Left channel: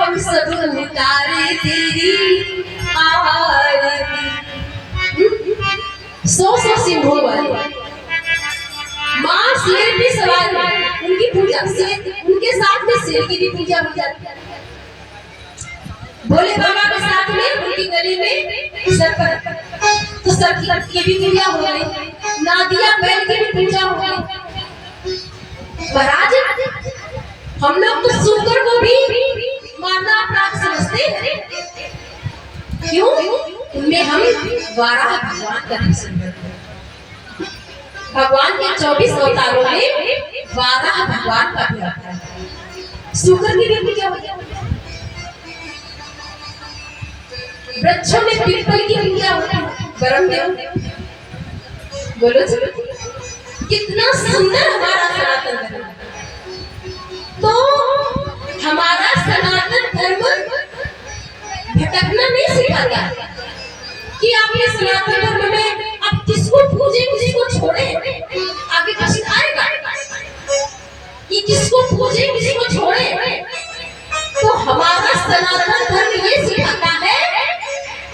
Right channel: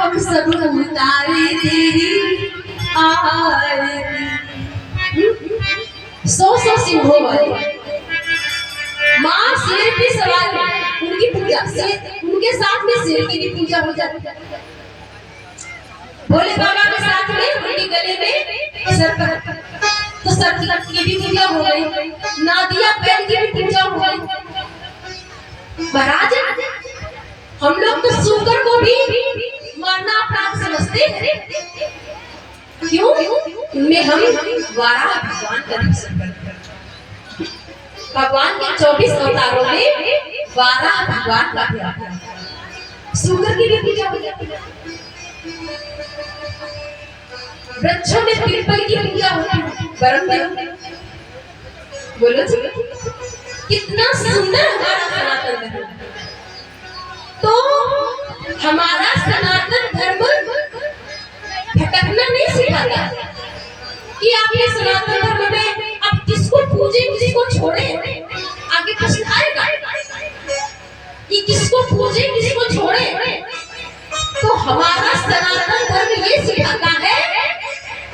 हम सब उतारे तेरी आरती। सौ सिंहों वाली माँ शेर भी सवार है, उनकी पूजा से उनके साथ में शेर की भी पूजा हो जाती है। भोले बाबा के साथ में उनके गले में सर्प, तो सर्प की भी पूजा हो गई, नादिया बैल की भी पूजा हो गई। महाराज हम लोग तो सुकर को भी मानना अपराध समझते हैं। क्यों? उनमें हम वाराह भगवान का दर्शन करते हैं। भगवान के 24 अवतारों में वाराह भगवान का भी आता है। सुकर की भी पूजा हो जाती है। वृक्षों में पीपल की पूजा होती है। गरम में बोलो कितना सुंदर हमारा सनातन धर्म। तो हमारा सनातन धर्म भटकना नहीं सिखाता कि आप ये सनातन धर्म में आप किसको पूजे किसको छोड़े। आगे प्रश्न आएगा कि किसको पूजे किसको छोड़े। तो हमारा सनातन धर्म ये सिखाता है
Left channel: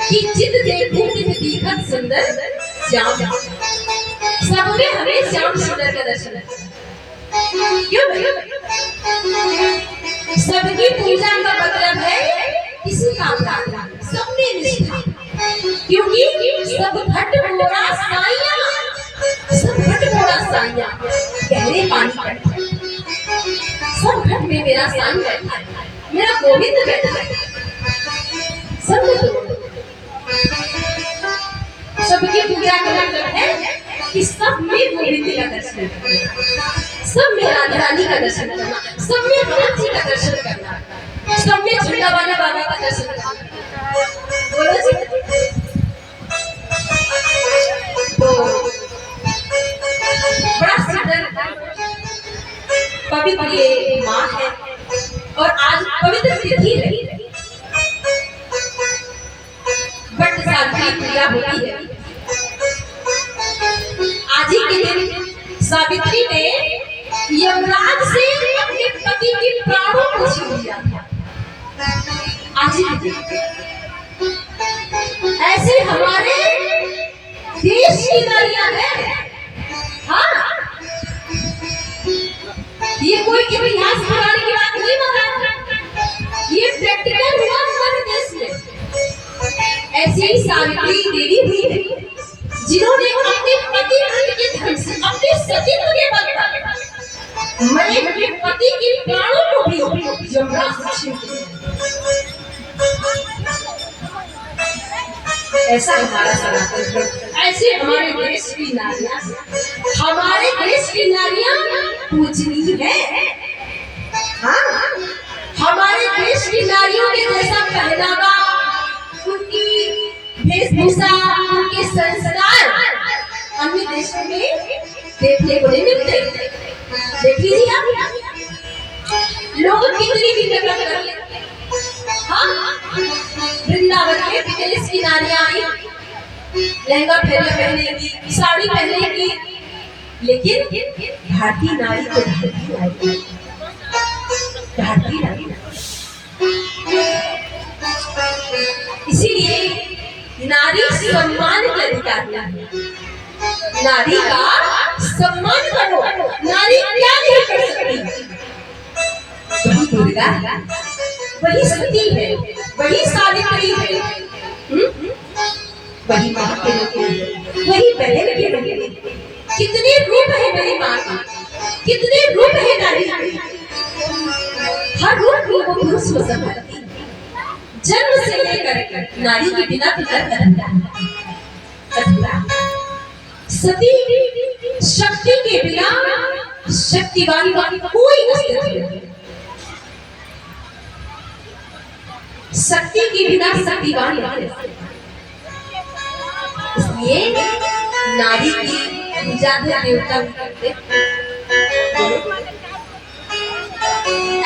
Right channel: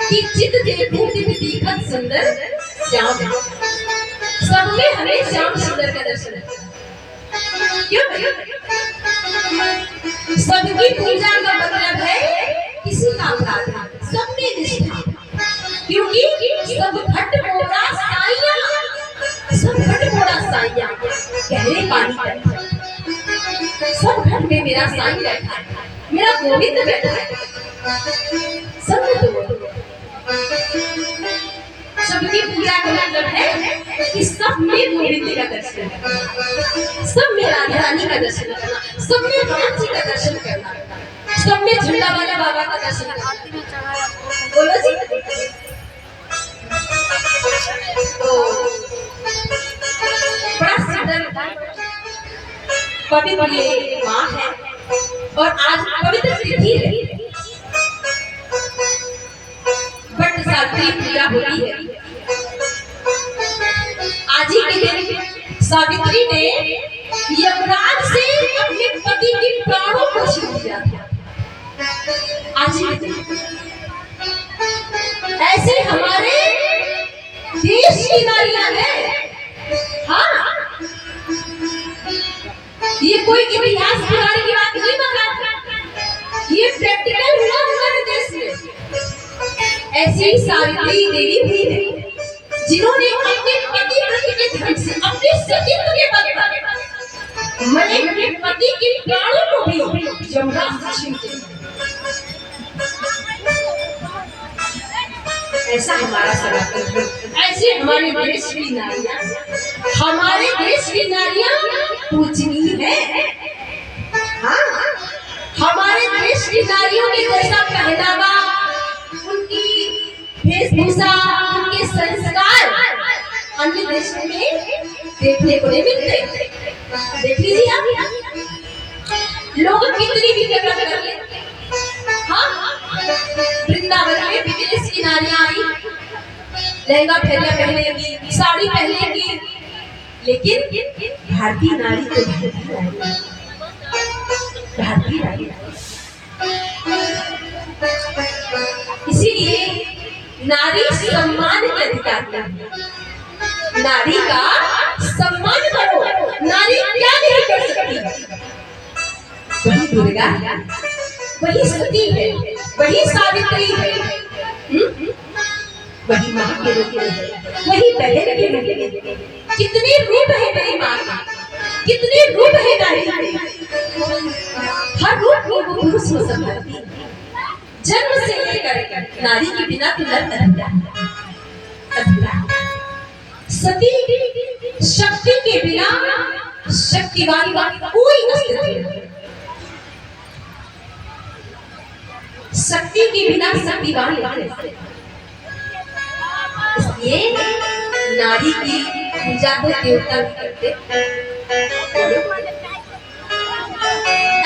कि जित देखो तित दिखत सुंदर श्याम। सब में हमें श्याम सुंदर का दर्शन है। क्यों भैया? सबकी पूजा का मतलब है किसी का अपराध, सब में निष्ठा। क्योंकि सब घट मोड़ा साइया, सब घट मोड़ा साइया गहरे पानी पर, सब घट में मेरा साईं बैठा है, मेरा गोविंद बैठा है। सब सबकी पूजा का मतलब है कि सब में गोविंद का दर्शन करना, सब में राधा रानी का दर्शन करना, सब में भगवान जी का दर्शन करना, सब में झंडा वाले बाबा का दर्शन करना। बोलो जी। तो बड़ा सुंदर पवित्र ये माँ है और आज पवित्र तिथि है, बट सावित्री पूजा होती है। आज ही के दिन सावित्री ने यमराज से अपने पति के प्राणों को छीन लिया था। आज ही के दिन ऐसे हमारे देश की नारियां हैं। हाँ, ये कोई इतिहास पुराने की बात नहीं माना, ये प्रैक्टिकल हुआ हमारे देश में। ऐसी ही सावित्री देवी हुई है जिन्होंने अपने पति के धर्म से, अपने सतीत्व के बल पर मरे हुए पति के प्राणों को भी यमराज से छीन लिया। ऐसा हमारा सनातन धर्म, ऐसे हमारे देश की नारियां, हमारे देश की नारियां पूजनीय है। हाँ, हमारे देश की नारियों के जैसा पहनावा, उनकी वेशभूषा, उनके संस्कार अन्य देशों में देखने को नहीं मिलते। देख लीजिए आप, लोग कितनी भी कदर कर ले। हाँ, वृंदावन में विदेश की नारियां आई, लहंगा पहनेगी, साड़ी पहनेगी, लेकिन भारतीय नारी को भारतीय नारी। इसीलिए नारी सम्मान के अधिकार है। नारी का सम्मान करो। नारी क्या नहीं कर सकती? वही दुर्गा, वही सती है, वही सावित्री है, वही माँ के रूप में, वही बहन के रूप में। कितने रूप है मेरी माँ के, कितने रूप है नारी के। हर रूप को वो पुरुष को संभालती है। जन्म से लेकर नारी के बिना तो अधूरा। सती शक्ति के बिना शक्तिवान का कोई अस्तित्व नहीं। शक्ति के बिना शक्तिवान नहीं। इसलिए नारी की पूजा भी देवता भी करते।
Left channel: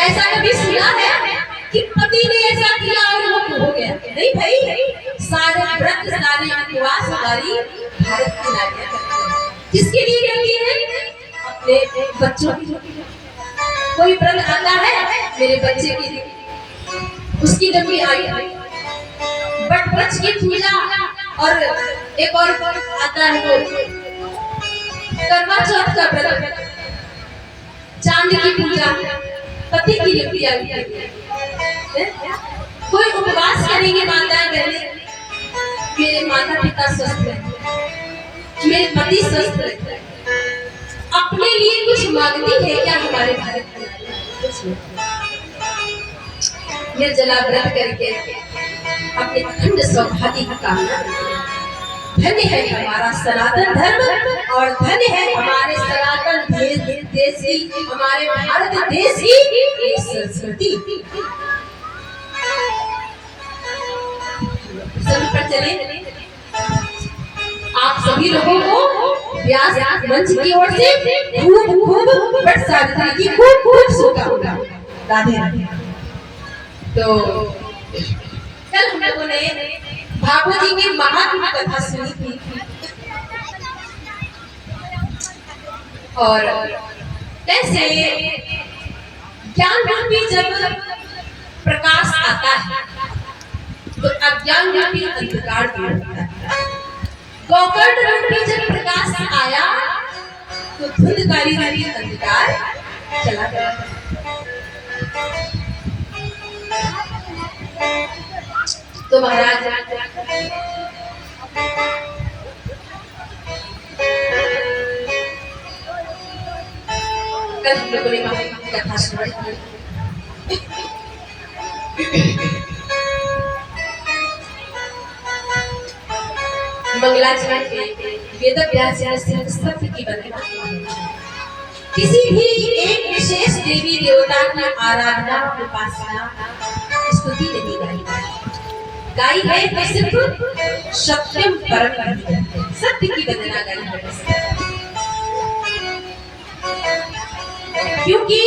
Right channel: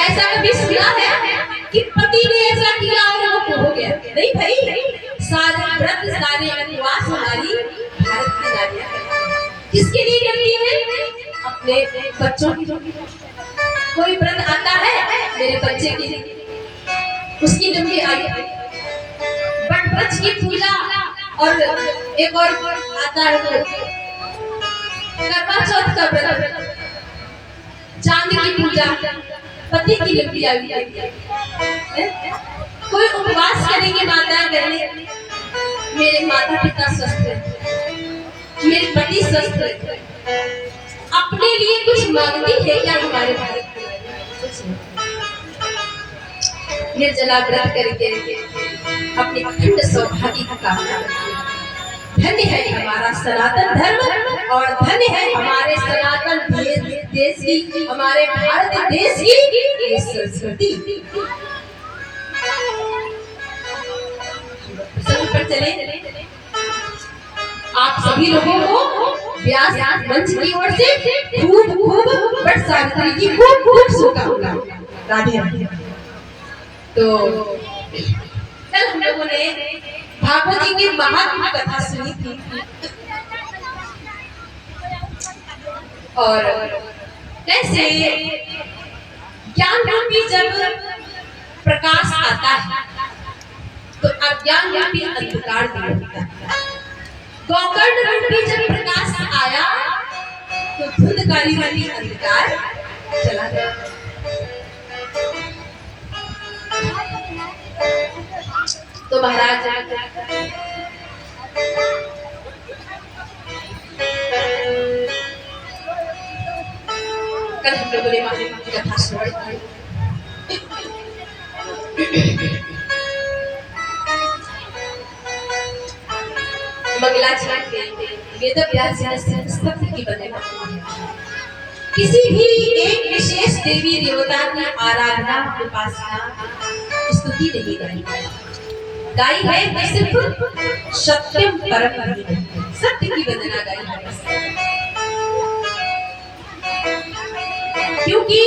ऐसा कभी सुना है कि पति ने ऐसा किया और वो हो गया? नहीं भाई, सारे व्रत सारे उपवास हमारी भारत की नारियां किसके लिए करती है? अपने बच्चों की। कोई व्रत आता है मेरे बच्चे की, उसकी लंबी आयु, बट वृक्ष की पूजा, और एक और आता है करवा चौथ का व्रत, चांद की पूजा, पति की लंबी आयु। कोई उपवास करेंगे माताएं बहनें, मेरे माता पिता स्वस्थ है, मेरे पति स्वस्थ है, अपने लिए कुछ मांगती है क्या हमारे भारत में? निर्जला व्रत करके अपने अखंड सौभाग्य की कामना करते हैं। धन्य है हमारा सनातन धर्म, और धन्य है हमारे सनातन देश की, हमारे भारत देश की संस्कृति। पर चले आप सभी लोगों को व्यास मंच की ओर से खूब खूब वट सावित्री की खूब खूब शुभकामनाएं। राधे राधे। तो कल हम लोगों ने भागवत जी की महात्मा कथा सुनी थी, और कैसे ज्ञान रूपी जब प्रकाश आता है तो अज्ञान रूपी अंधकार दूर होता है। गोकर्ण रूपी जब प्रकाश आया तो धुंधकारी रूपी अंधकार चला गया। तो महाराज कल हम लोगों ने महात्मा की कथा सुनी। मंगलाचरण वेद व्यास जी ने सत्य की बनेगा। किसी भी एक विशेष देवी देवता की आराधना उपासना स्तुति नहीं गाई है, तो सिर्फ सत्यम परम सत्य की वंदना गाई है। क्योंकि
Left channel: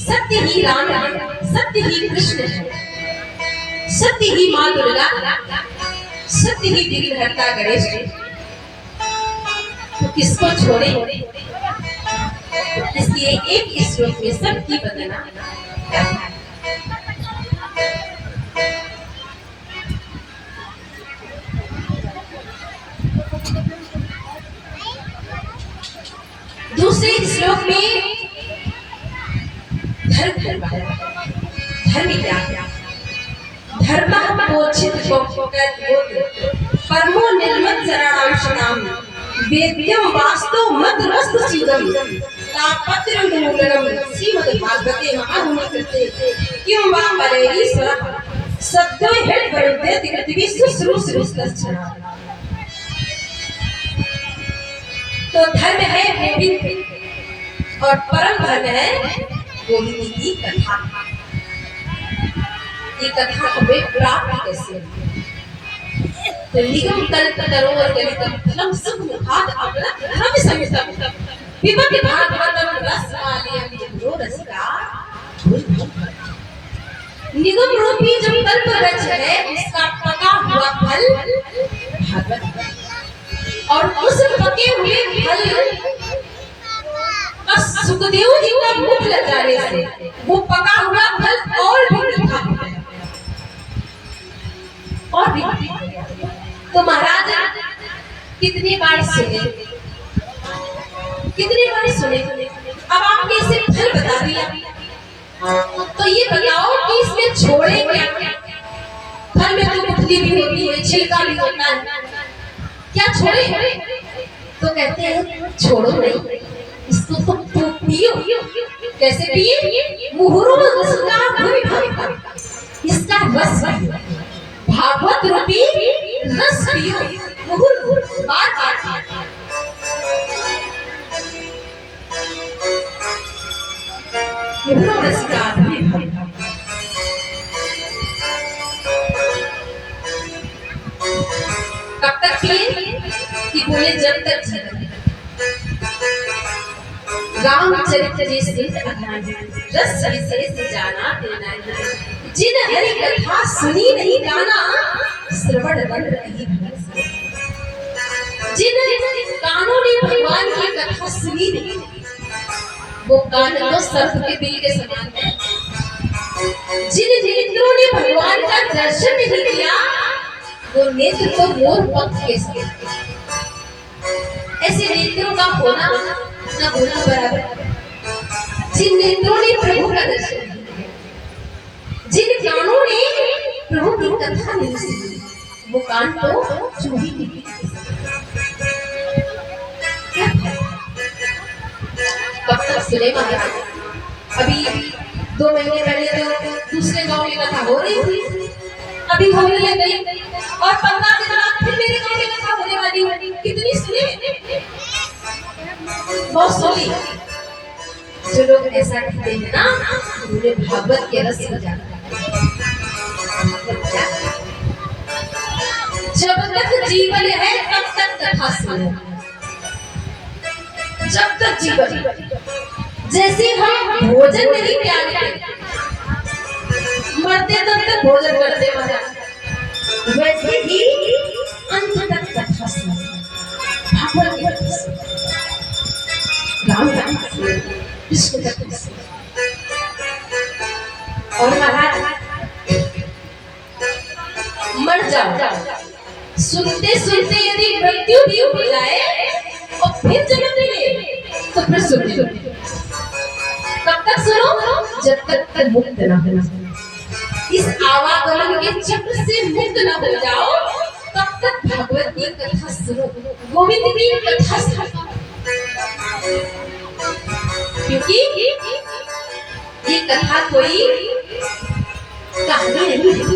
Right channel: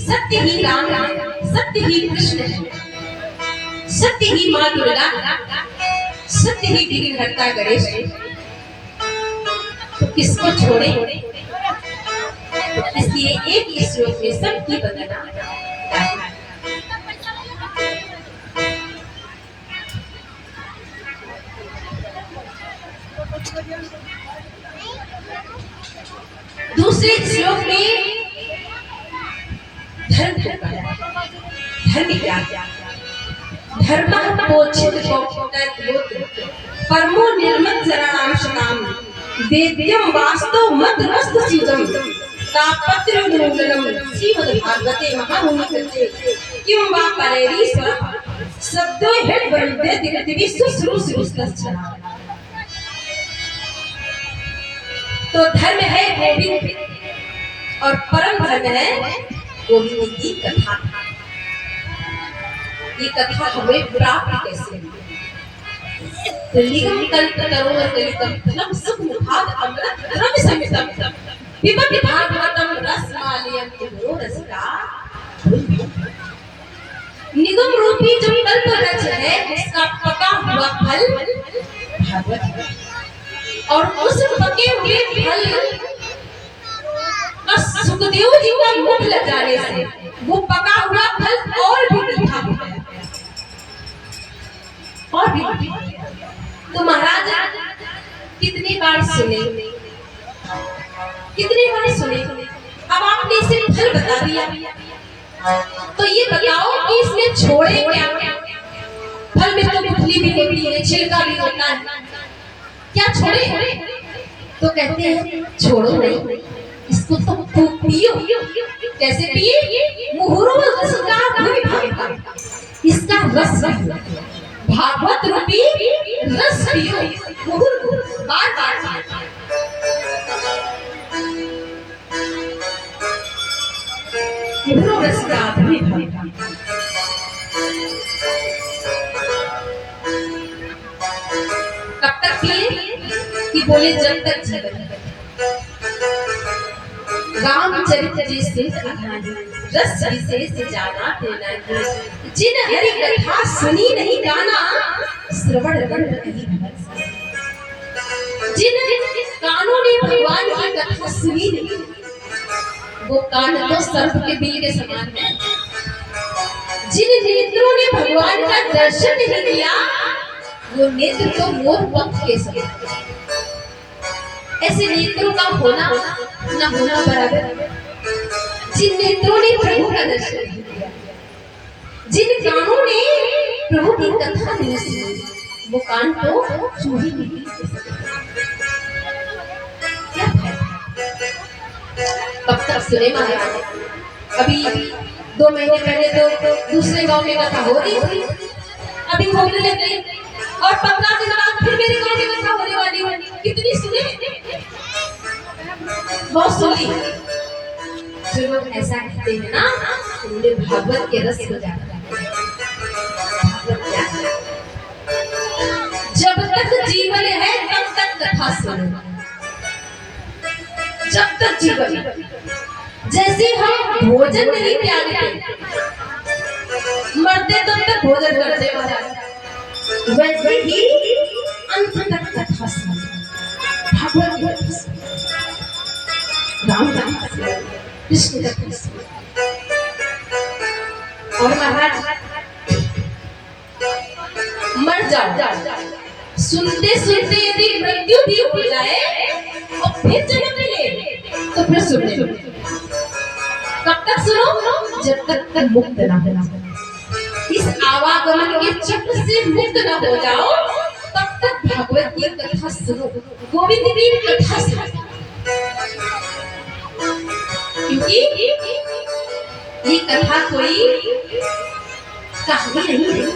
सत्य ही राम है, सत्य ही कृष्ण है, सत्य ही माँ दुर्गा, सत्य ही विघ्नहर्ता गणेश। तो किसको छोड़े? इसलिए एक श्लोक में सबकी वंदना। दूसरे श्लोक में धर्म क्या? धर्म पोषित परमो निर्मत चरणाम शताम वेद्यम वास्तव मद्रस्त शिवम तापत्र मूलनम श्रीमद् भागवते महामुनिकृते किं वा परेरीश्वर सद्यो हेड वरुदे दिगति शुश्रूषुस्तच्छना। तो धर्म है गोविंद और परम धर्म है गोविंद की कथा। ये कथा हमें प्राप्त कैसे हुई? तो लिगम कल्प तरोवर गलितम धर्म सुख मुखाद अमृत धर्म संयुतम पिबति भागवतम रसमालयम जो रसिका। निगम रूपी जो कल्प वृक्ष है उसका पका हुआ फल भागवत है, और उस पके हुए फल सुखदेव जी का मुख लग जाने से वो पका हुआ फल और भी मीठा हो गया, और भी मीठा। तो महाराज कितनी बार सुने, अब आपने इसे फल बता दिया, तो ये बताओ कि इसमें छोड़े क्या? फल में तो गुठली भी होती है, छिलका भी होता है, क्या छोड़े? तो कहते हैं छोड़ो नहीं, इसको तो पियो। कैसे पिए? मुहुरो रसगा भूमि भागता, इसका रस भागवत रूपी रस पियो। मुहुर बार मुहुरो रसगा भूमि भागता। कब तक पिए? कि बोले जब तक जीवन है। रामचरित्र जैसे रस विशेष जाना देना, जिन हरि कथा सुनी नहीं गाना श्रवण बंद नहीं। जिन कानों ने भगवान की कथा सुनी नहीं, वो कान तो सर्प के बिल के समान है। जिन नेत्रों ने भगवान का दर्शन नहीं किया, वो नेत्र तो मोर पंख के समान। ऐसे नेत्रों का होना ना होना बराबर। जिन नेत्रों ने प्रभु का दर्शन नहीं किया, जिन कानों ने प्रभु की कथा नहीं सुनी, वो कान तो चूही निकली। क्या कब तक सुने महाराज? अभी 2 महीने पहले तो दूसरे गांव में कथा हो रही थी, अभी होने लग गई, और 15 दिन बाद फिर मेरे गांव में कथा होने वाली है। कितनी सुने? बहुत सुनी। जो लोग ऐसा कहते हैं ना, उन्हें भागवत के रस हो जाता है। जब तक जीवन है तब तक कथा सुनो। जब तक जीवन, जैसे हम भोजन नहीं त्यागते, मरते तब तक भोजन करते महाराज, वैसे ही अंत तक कथा सुनो। भागवत की कथा सुनो, राम कथा सुनो, कृष्ण कथा सुनो। और महाराज मर जाओ, सुनते सुनते यदि मृत्यु भी हो जाए और फिर जन्म मिले तो फिर सुनने। कब तक सुनो? जब तक मुक्त ना हो, इस आवागमन के चक्र से मुक्त ना हो जाओ, तब तक भागवत की कथा सुनो, गोविंद की कथा सुनो। क्योंकि ये कथा कोई कहानी नहीं है,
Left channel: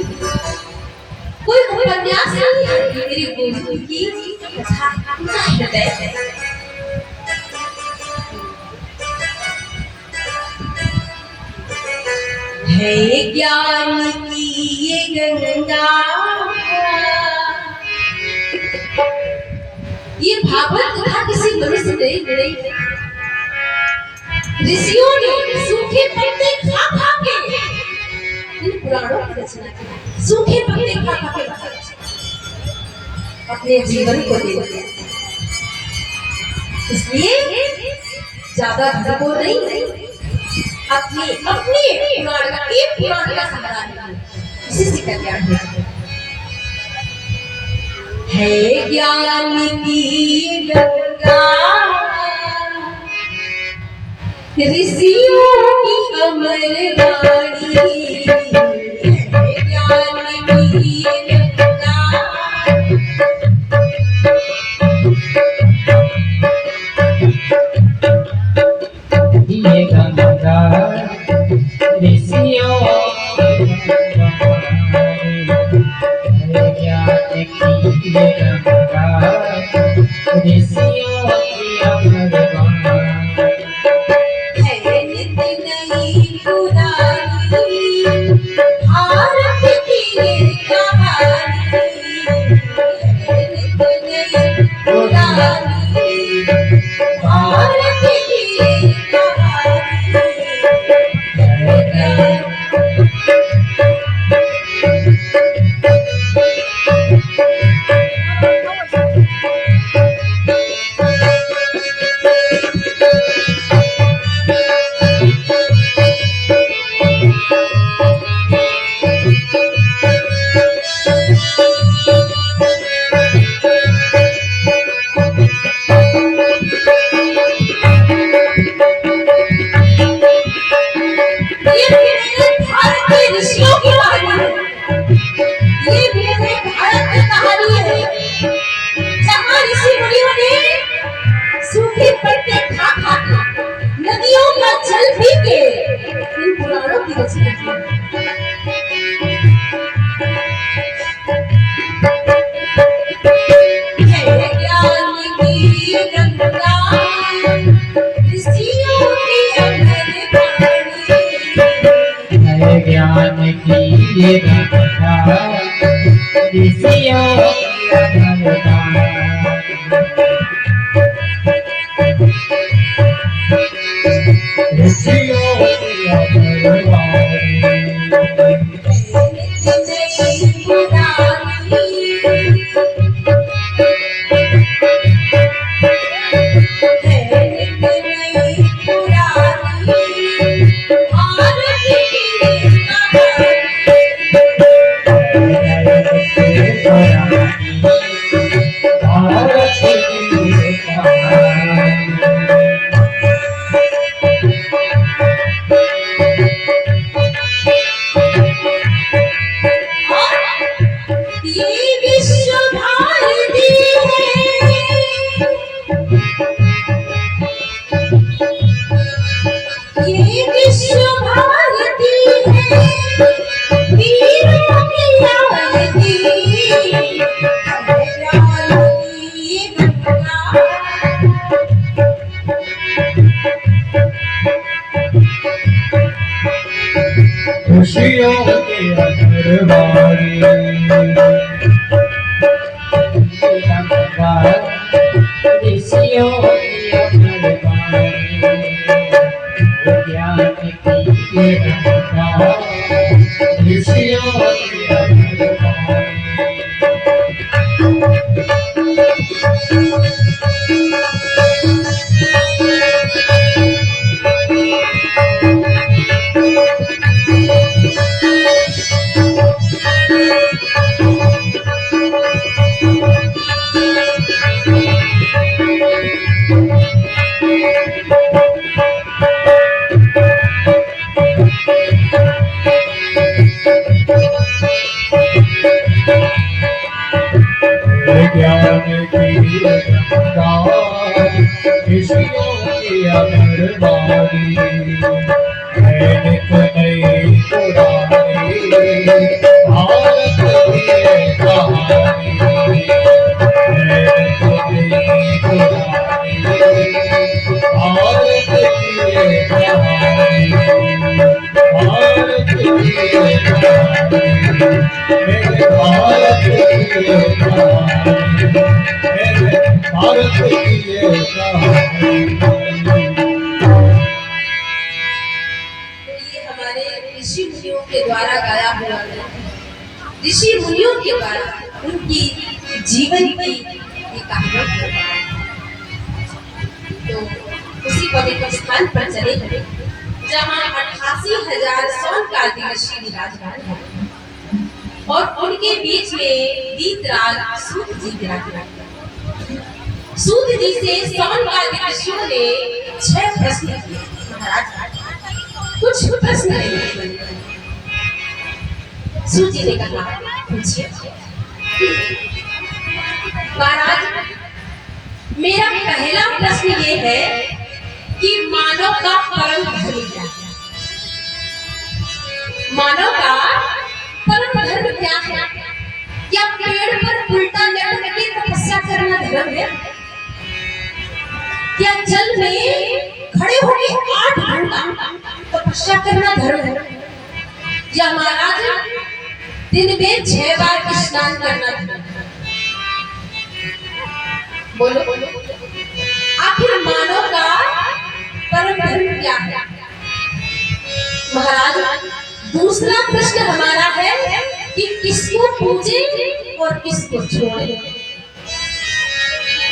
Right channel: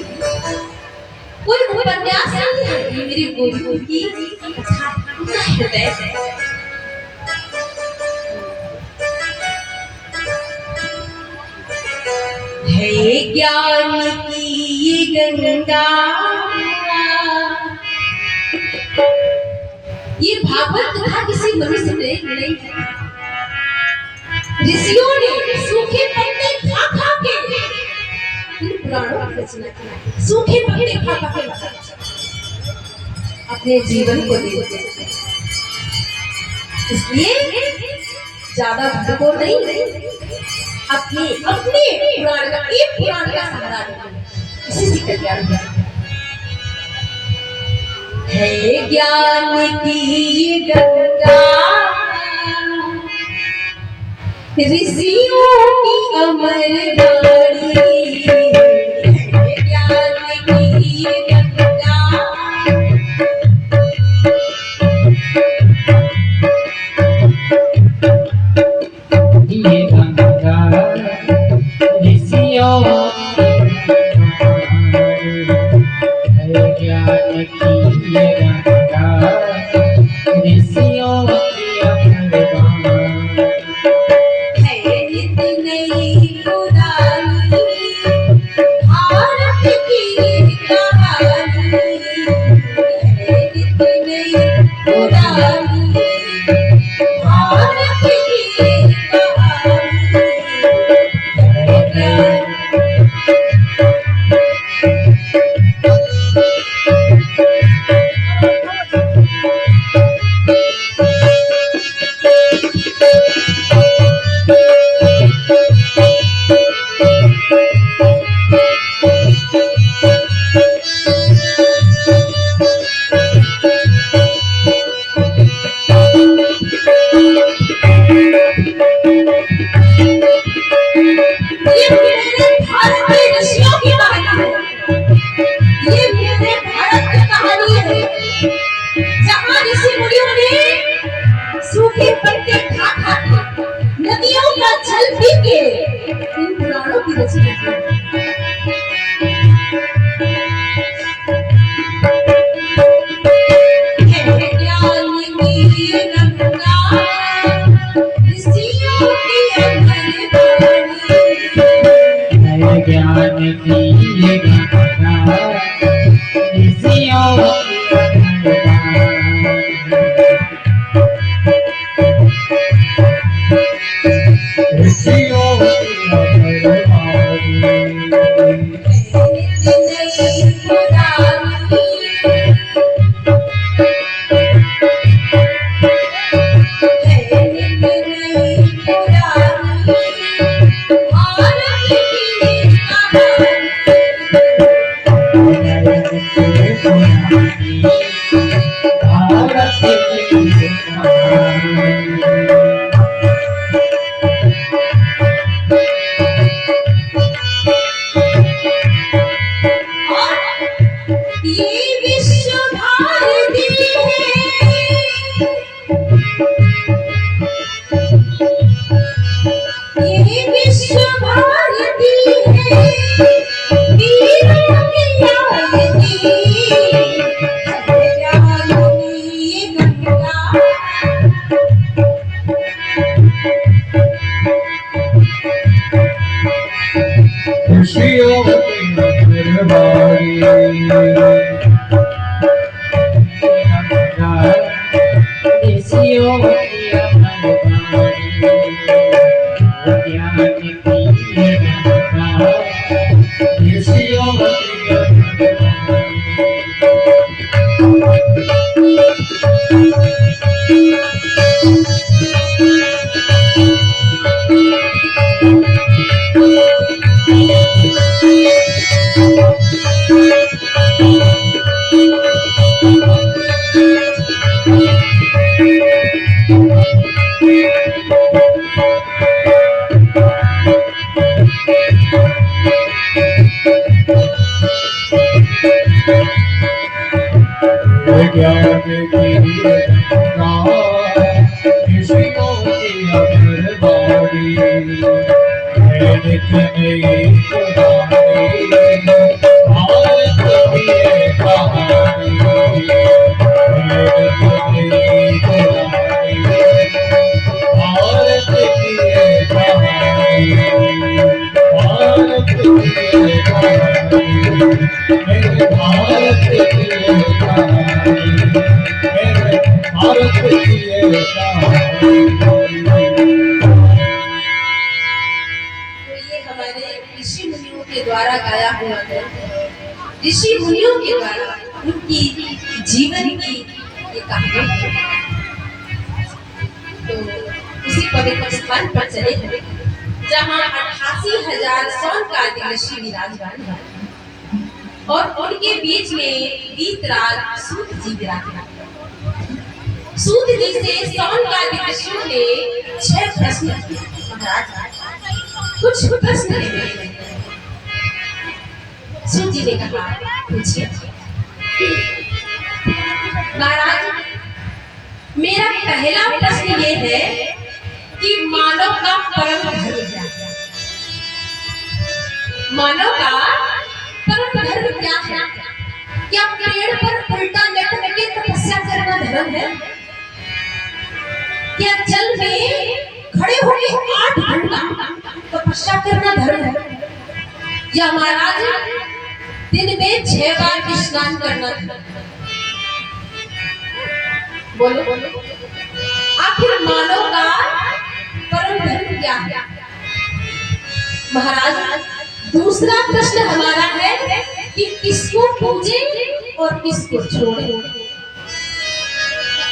कोई उपन्यास नहीं है, ये मेरी गोविंद की कथा है। है ज्ञान की ये गंगा, ये भागवत कथा किसी मनुष्य ने नहीं, ऋषियों ने सूखे पत्ते खा खा के इन पुराणों की रचना की। सूखे पत्ते खा खा के अपने जीवन को दे दिया। इसलिए ज्यादा भटको नहीं, अपने पुराण का, एक पुराण का सहारा नहीं, इसी से कल्याण है। ज्ञान की गंगा, ऋषियों की अमर वाणी, है ज्ञान की गंगा। ये गंगा ऋषियों है, ज्ञान की ये गंगा ऋषियों की अमर वाणी। है नित नई पुरानी भारत की कहानी, है नित नई पुरानी भारत की कहानी। ये मेरे भारत के ऋषियों की कहानी है, ये मेरे भारत की कहानी है, जहाँ ऋषि मुनियों ने सूखे पत्ते खा खा के, नदियों का जल पी के इन पुराणों की रचना की। है ज्ञान की गंगा, ऋषियों की अमर वाणी, है ज्ञान की ये गंगा ऋषियों की अमर वाणी। ऋषियों की अमर वाणी। नई पुरानी है, नित नई पुरानी भारत की कहानी। अमरवारी ऋषियों की अमरवारी ज्ञान की ये गंगा ऋषियों की अमरवारी ज्ञान की गंगा ऋषियों की अमरवारी नित नई पुरानी भारत की ये कहानी नित नई पुरानी भारत की ये कहानी भारत की ये कहानी मेरे भारत की ये कहानी मेरे भारत की ये कहानी। तो ये हमारे ऋषि मुनियों के द्वारा गाया हुआ है, ऋषि मुनियों के द्वारा उनकी जीवन की ये कहानी है। तो उसी पवित्र स्थान पर चले हैं जहाँ 88,000 सौनकादि ऋषि विराजमान हैं और उनके बीच में वीतराग सूत जी विराजमान हैं। सूत जी से सौनकादि ऋषियों ने 6 प्रश्न किए। महाराज कुछ प्रश्न नहीं। सूत जी ने कहा पूछिए। महाराज मेरा पहला प्रश्न ये है कि मानव का परम धर्म क्या है? मानव का परम धर्म क्या है? क्या पेड़ पर उल्टा लेट के तपस्या करना धर्म है? क्या जल में खड़े होकर 8 घंटा तपस्या करना धर्म है? या महाराज दिन में 6 बार स्नान करना धर्म है? बोलो बोलो आखिर मानव का परम धर्म क्या है? महाराज दूसरा प्रश्न हमारा है कि किसको पूजे और किसको छोड़े।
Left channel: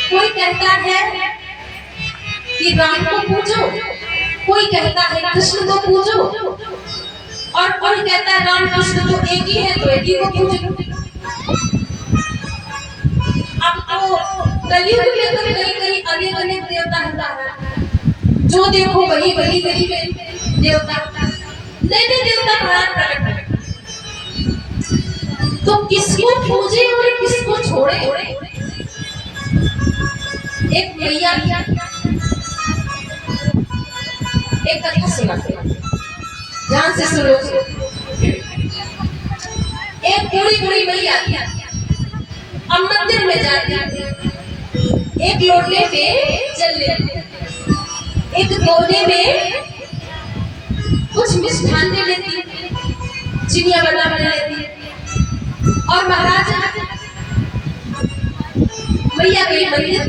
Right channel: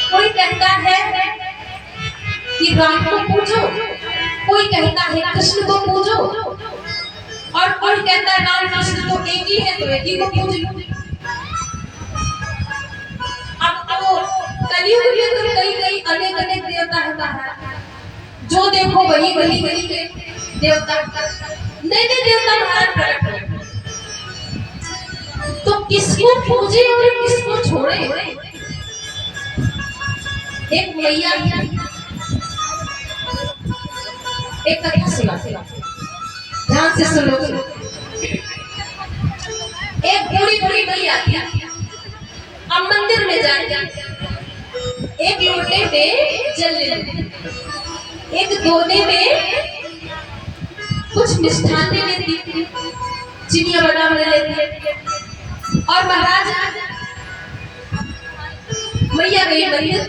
कोई कहता है कि राम को पूजो, कोई कहता है कृष्ण को पूजो और कोई कहता है राम कृष्ण तो एक ही है तो एक ही को पूजो। अब तो कलयुग में तो कई अनेक अनेक देवता है, जो देखो वही गली गली में देवता नए नए देवता महाराज प्रकट है। तो किसको पूजे और किसको छोड़े? एक मैया एक कथा सुना, ध्यान से सुनो। एक बूढ़ी मैया अब मंदिर में जाती, एक लोटे में जल लेती, एक दोने में कुछ मिष्ठान ले लेती, चिनिया बना ले लेती और महाराज मैया गई मंदिर।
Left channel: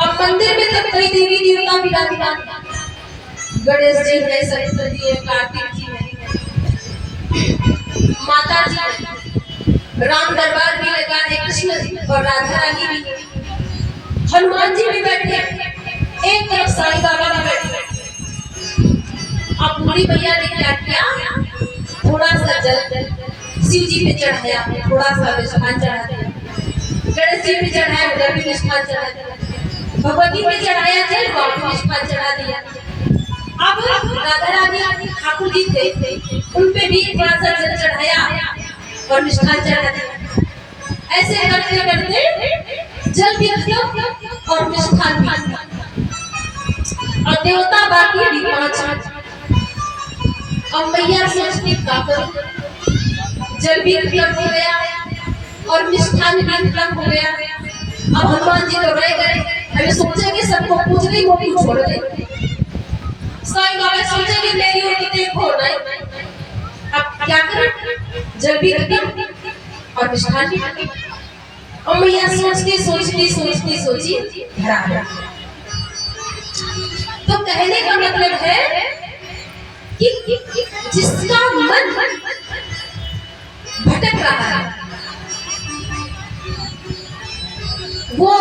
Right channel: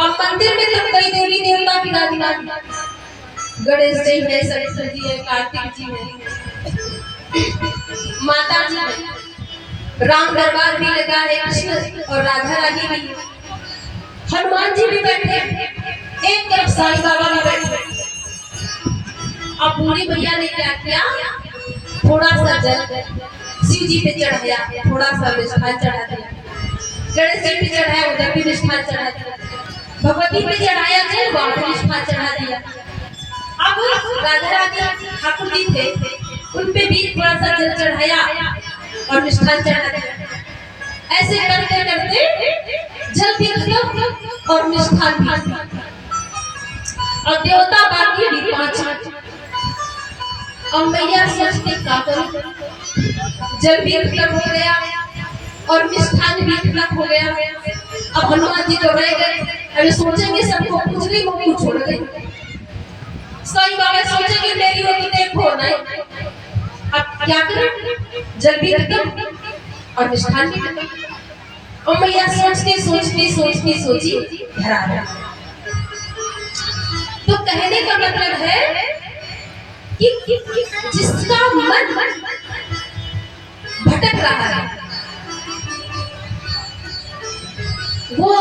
और मंदिर में तो कई देवी देवता विराजमान, गणेश जी है, सरस्वती जी है, कार्तिक जी है, माता जी है, राम दरबार भी लगा है, कृष्ण और राधा रानी भी है, हनुमान जी भी बैठे, एक तरफ साईं बाबा भी बैठे। अब बूढ़ी भैया ने क्या किया, थोड़ा सा जल शिव जी पे चढ़ाया, थोड़ा सा मिष्ठान चढ़ा दिया, गणेश जी पे चढ़ाया, उधर भी मिष्ठान चढ़ा दिया, भगवती पे चढ़ाया जल, वहां भी मिष्ठान चढ़ा दिया। अब राधा रानी ठाकुर जी थे, उन पे भी थोड़ा सा जल चढ़ाया और मिष्ठान चढ़ा दिया। ऐसे करते करते जल भी खत्म और मिष्ठान भी, और देवता बाकी भी 5। अब मैया सोचते क्या करूं, जल भी खत्म हो गया और मिष्ठान भी खत्म हो गया। अब हनुमान जी तो रह गए, अरे सोचेंगे सबको पूछ रही हो क्यों छोड़ गए। साईं बाबा सोचेंगे मेरी हो तो देखो नहीं। अब क्या करें, जल भी खत्म और मिष्ठान भी खत्म। और मैया सोची घर आ गया। तो कहने का मतलब है कि जिसका मन भटक रहा है वो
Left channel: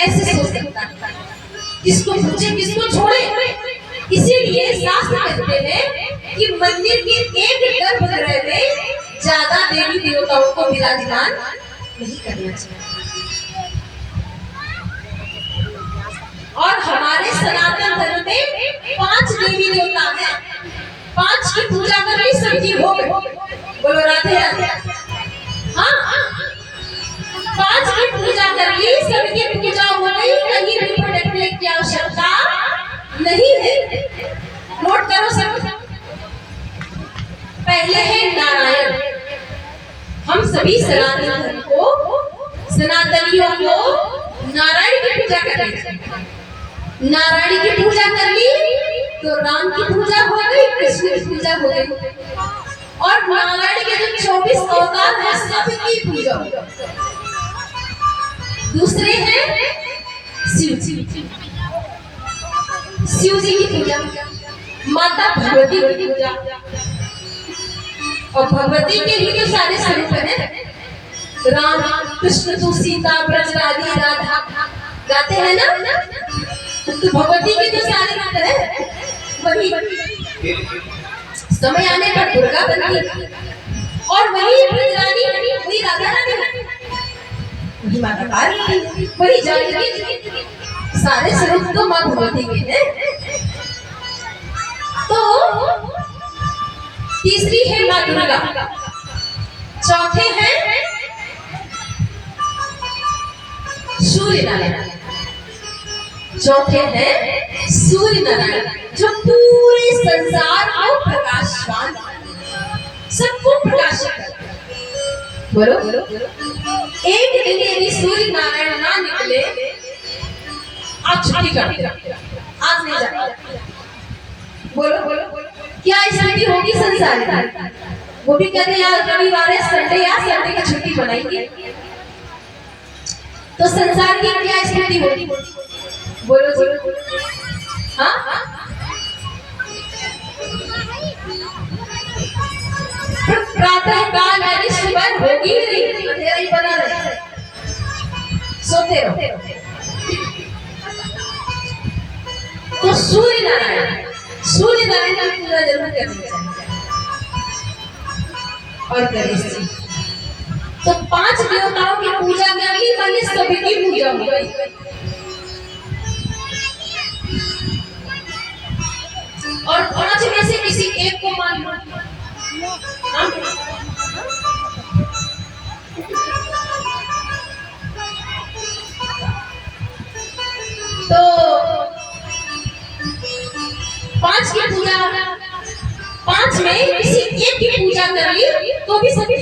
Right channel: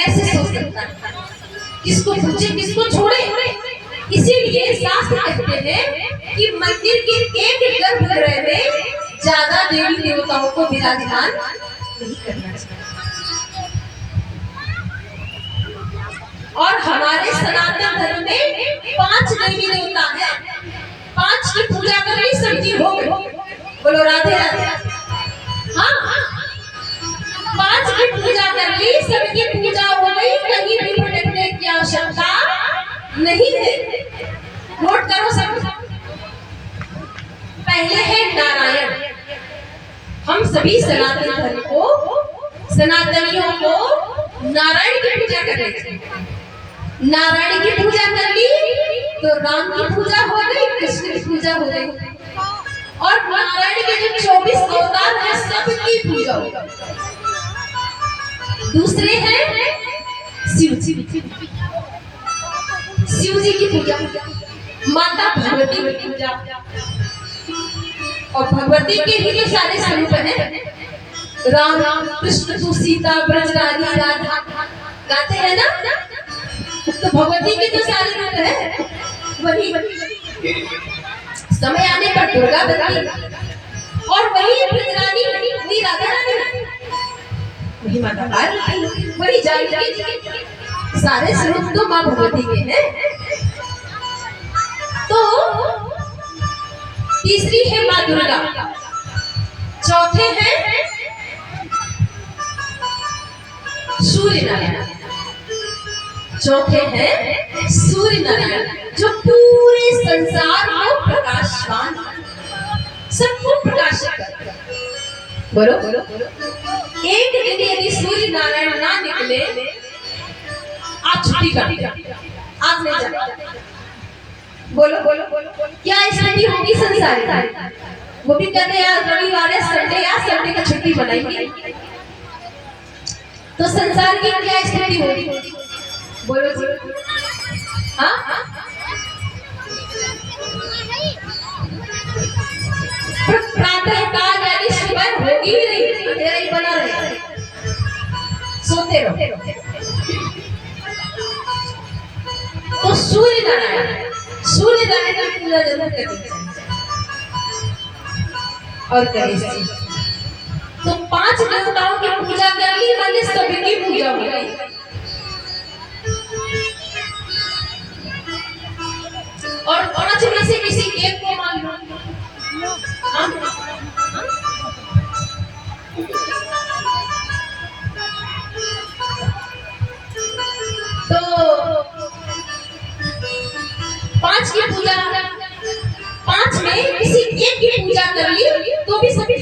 ऐसे सोच सकता है, किसको पूछे किसको छोड़े। इसीलिए शास्त्र कहते हैं कि मंदिर के एक गर्भगृह में ज्यादा देवी देवताओं को विराजमान नहीं करना चाहिए। और हमारे सनातन धर्म में 5 देवी देवता हैं, 5 की पूजा करनी सबकी हो गई। बोलो राधे राधे। हाँ, 5 की पूजा कर ली, सबकी पूजा हो गई, कहीं भी भटकने की आवश्यकता नहीं है। नोट करो सब। पहले है नारायण। हम सभी सनातन धर्म को, सनातनियों को नारायण की पूजा करें। नारायण की पूजा कर ली तो राम की पूजा हो गई, कृष्ण की पूजा हो गई। और नारायण के जो 24 अवतार हैं सबकी पूजा हो गई। दूसरे हैं शिव जी की पूजा, माता भगवती की पूजा। और भगवती के भी जो सारे स्वरूप हैं, राम कृष्ण तू सीता ब्रज रानी राधा गाते हैं ना, तो भगवती के जो सारे रूप है वही समय आने पर दुर्गा बनती, और वही ब्रज रानी वही राधा रानी वही माता पार्वती वही जानकी। सारे स्वरूप तो माँ भगवती के हैं। तो तीसरी है माँ दुर्गा, चौथे हैं सूर्य नारायण, चौथे हैं सूर्य नारायण जो पूरे संसार को प्रकाशवान, सबको प्रकाशित करते हैं। बोलो एक दिन यदि सूर्य नारायण ना निकले, आप छुट्टी कर, आप नहीं जाते। बोलो क्या स्थिति होगी संसार की? वो भी कहते यार रविवार है, संडे या संडे की छुट्टी बनाएंगे, तो संसार की क्या स्थिति होगी? बोलो हाँ, प्रातः काल यानी सुबह होगी ही नहीं, अंधेरा ही बना रहे, सोते रहो। तो सूर्य नारायण की पूजा जरूर करनी चाहिए। और गणेश जी, तो 5 देवताओं की पूजा कर ली, माने सबकी पूजा हो गई। और 5 में से किसी एक को मान लो, तो 5 की पूजा, 5 में किसी एक की पूजा कर ली तो भी सभी।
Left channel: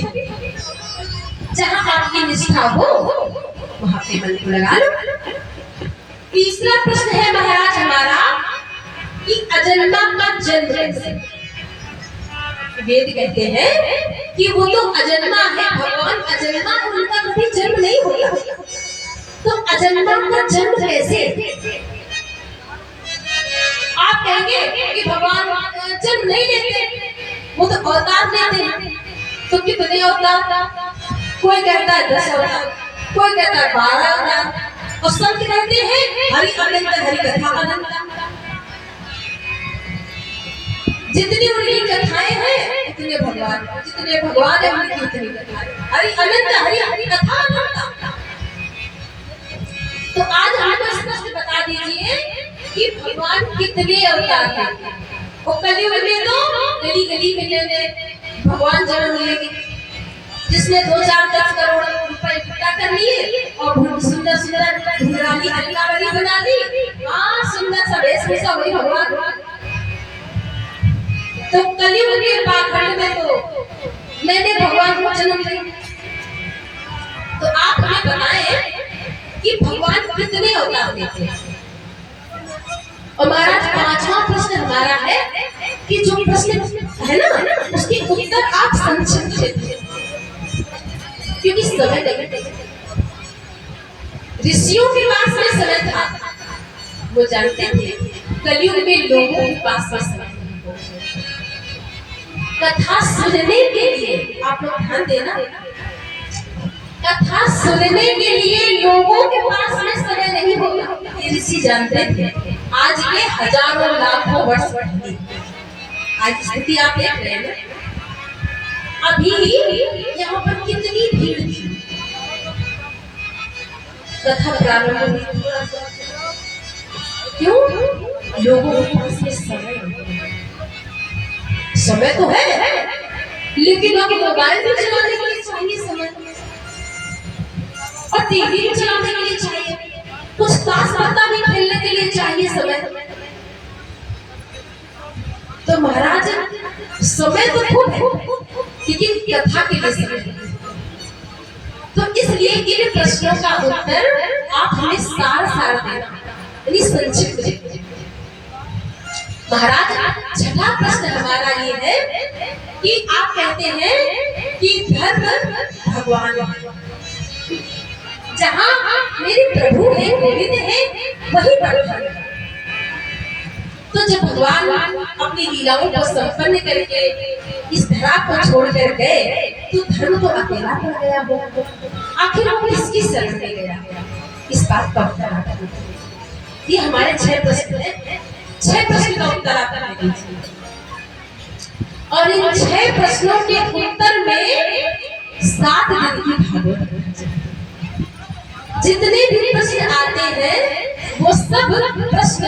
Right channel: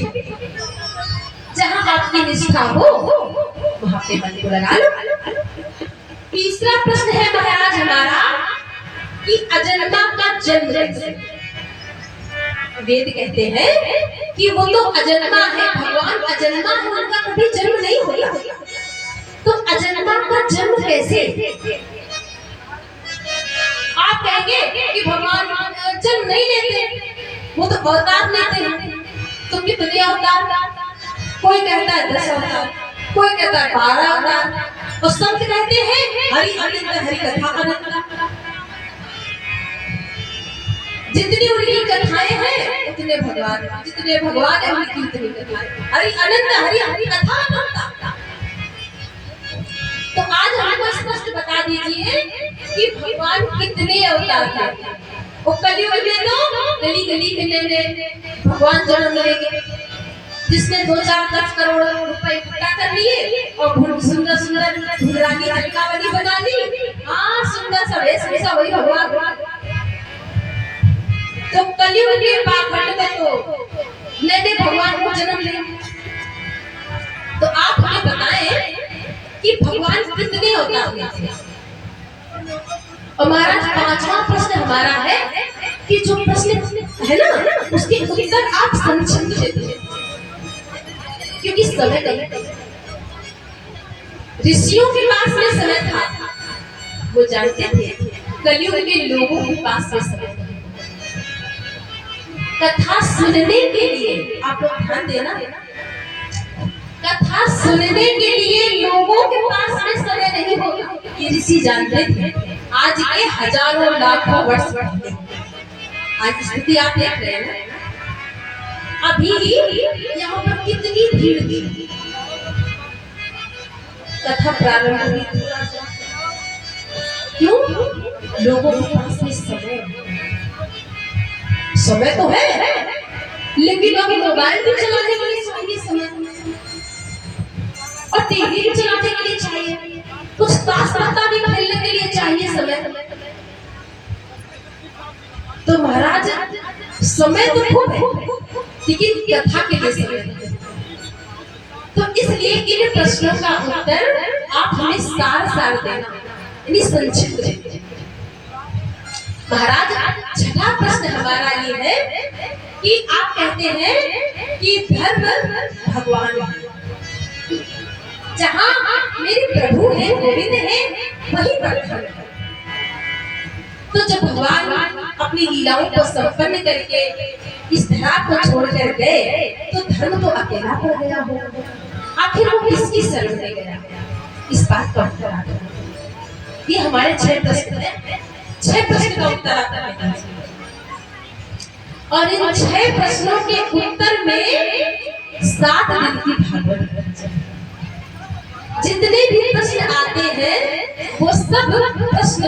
जहां आपकी निष्ठा हो वहां पे मन को लगा लो। तीसरा प्रश्न है महाराज हमारा कि अजन्मा का जन्म कैसे? वेद कहते हैं कि वो तो अजन्मा है, भगवान अजन्मा है, उनका कभी जन्म नहीं होगा। तो अजन्मा का जन्म कैसे? आप कहेंगे कि भगवान जन्म नहीं लेते, वो तो अवतार लेते हैं। तो कितने अवतार? कोई कहता है 10 अवतार, कोई कहता है 12 अवतार, और सब कहते हैं हरि अनंत, हरि कथा अनंत। जितनी उनकी कथाएं हैं उतने भगवान, जितने भगवान है उनकी उतनी कथाएं। हरि अनंत, हरि कथा अनंत। तो आज हमको स्पष्ट बता दीजिए कि भगवान कितने अवतार हैं। वो कलयुग में तो गली गली में भगवान जन्म लेंगे, जिसने 2-4-10 करोड़ रुपए इकट्ठा कर लिए और सुंदर सुंदर ढूंढरानी अलकावली बना दी। हाँ, सुंदर सा वेशभूषा वही भगवान। तो कलयुग के पाखंड में तो नए भगवान को जन्म ले। तो आप हमें बताएं कि भगवान कितने अवतार लेते हैं। और महाराज 5वां प्रश्न हमारा है कि जो प्रश्न है ना उसका उत्तर आप संक्षिप्त देते, क्योंकि समय नहीं। ऋषियों के पास में समय था, वो जानते थे कलयुग में लोगों के पास में समय नहीं। कथा सुनने के लिए आप लोग ध्यान देना, कथा सुनने के लिए लोगों के पास में समय नहीं होगा, ये ऋषि जानते थे। आज के हजारों लाखों वर्ष पहले आज स्थिति आप देख रहे हैं ना, अभी यहाँ पर कितनी भीड़ थी। कथा प्रारंभ हुई, क्यों? लोगों के पास में समय तो है, लेकिन अब मोबाइल भी चलाने के लिए चाहिए समय, और टीवी भी चलाने के लिए चाहिए, कुछ ताश पत्ता भी खेलने के लिए चाहिए समय। तो महाराज समय तो खूब है, लेकिन कथा के लिए समय नहीं। तो इसलिए इन प्रश्नों का उत्तर आप हमें सार देना, यानी संक्षिप्त देना। महाराज छठा प्रश्न हमारा ये है कि आप कहते हैं कि धर्म भगवान, जहाँ मेरे प्रभु है, गोविंद है, वही धर्म। तो जब भगवान अपनी लीलाओं को संपन्न करके इस धरा को छोड़कर गए, तो धर्म तो अकेला पड़ गया हो। आखिर वो किसकी शरण में गया? इस बात का उत्तर आता है। ये हमारे 6 प्रश्न हैं, 6 प्रश्न का उत्तर आता है। और इन 6 प्रश्नों के उत्तर में 7 दिन की भागवत, जितने भी प्रश्न आते हैं वो सब प्रश्न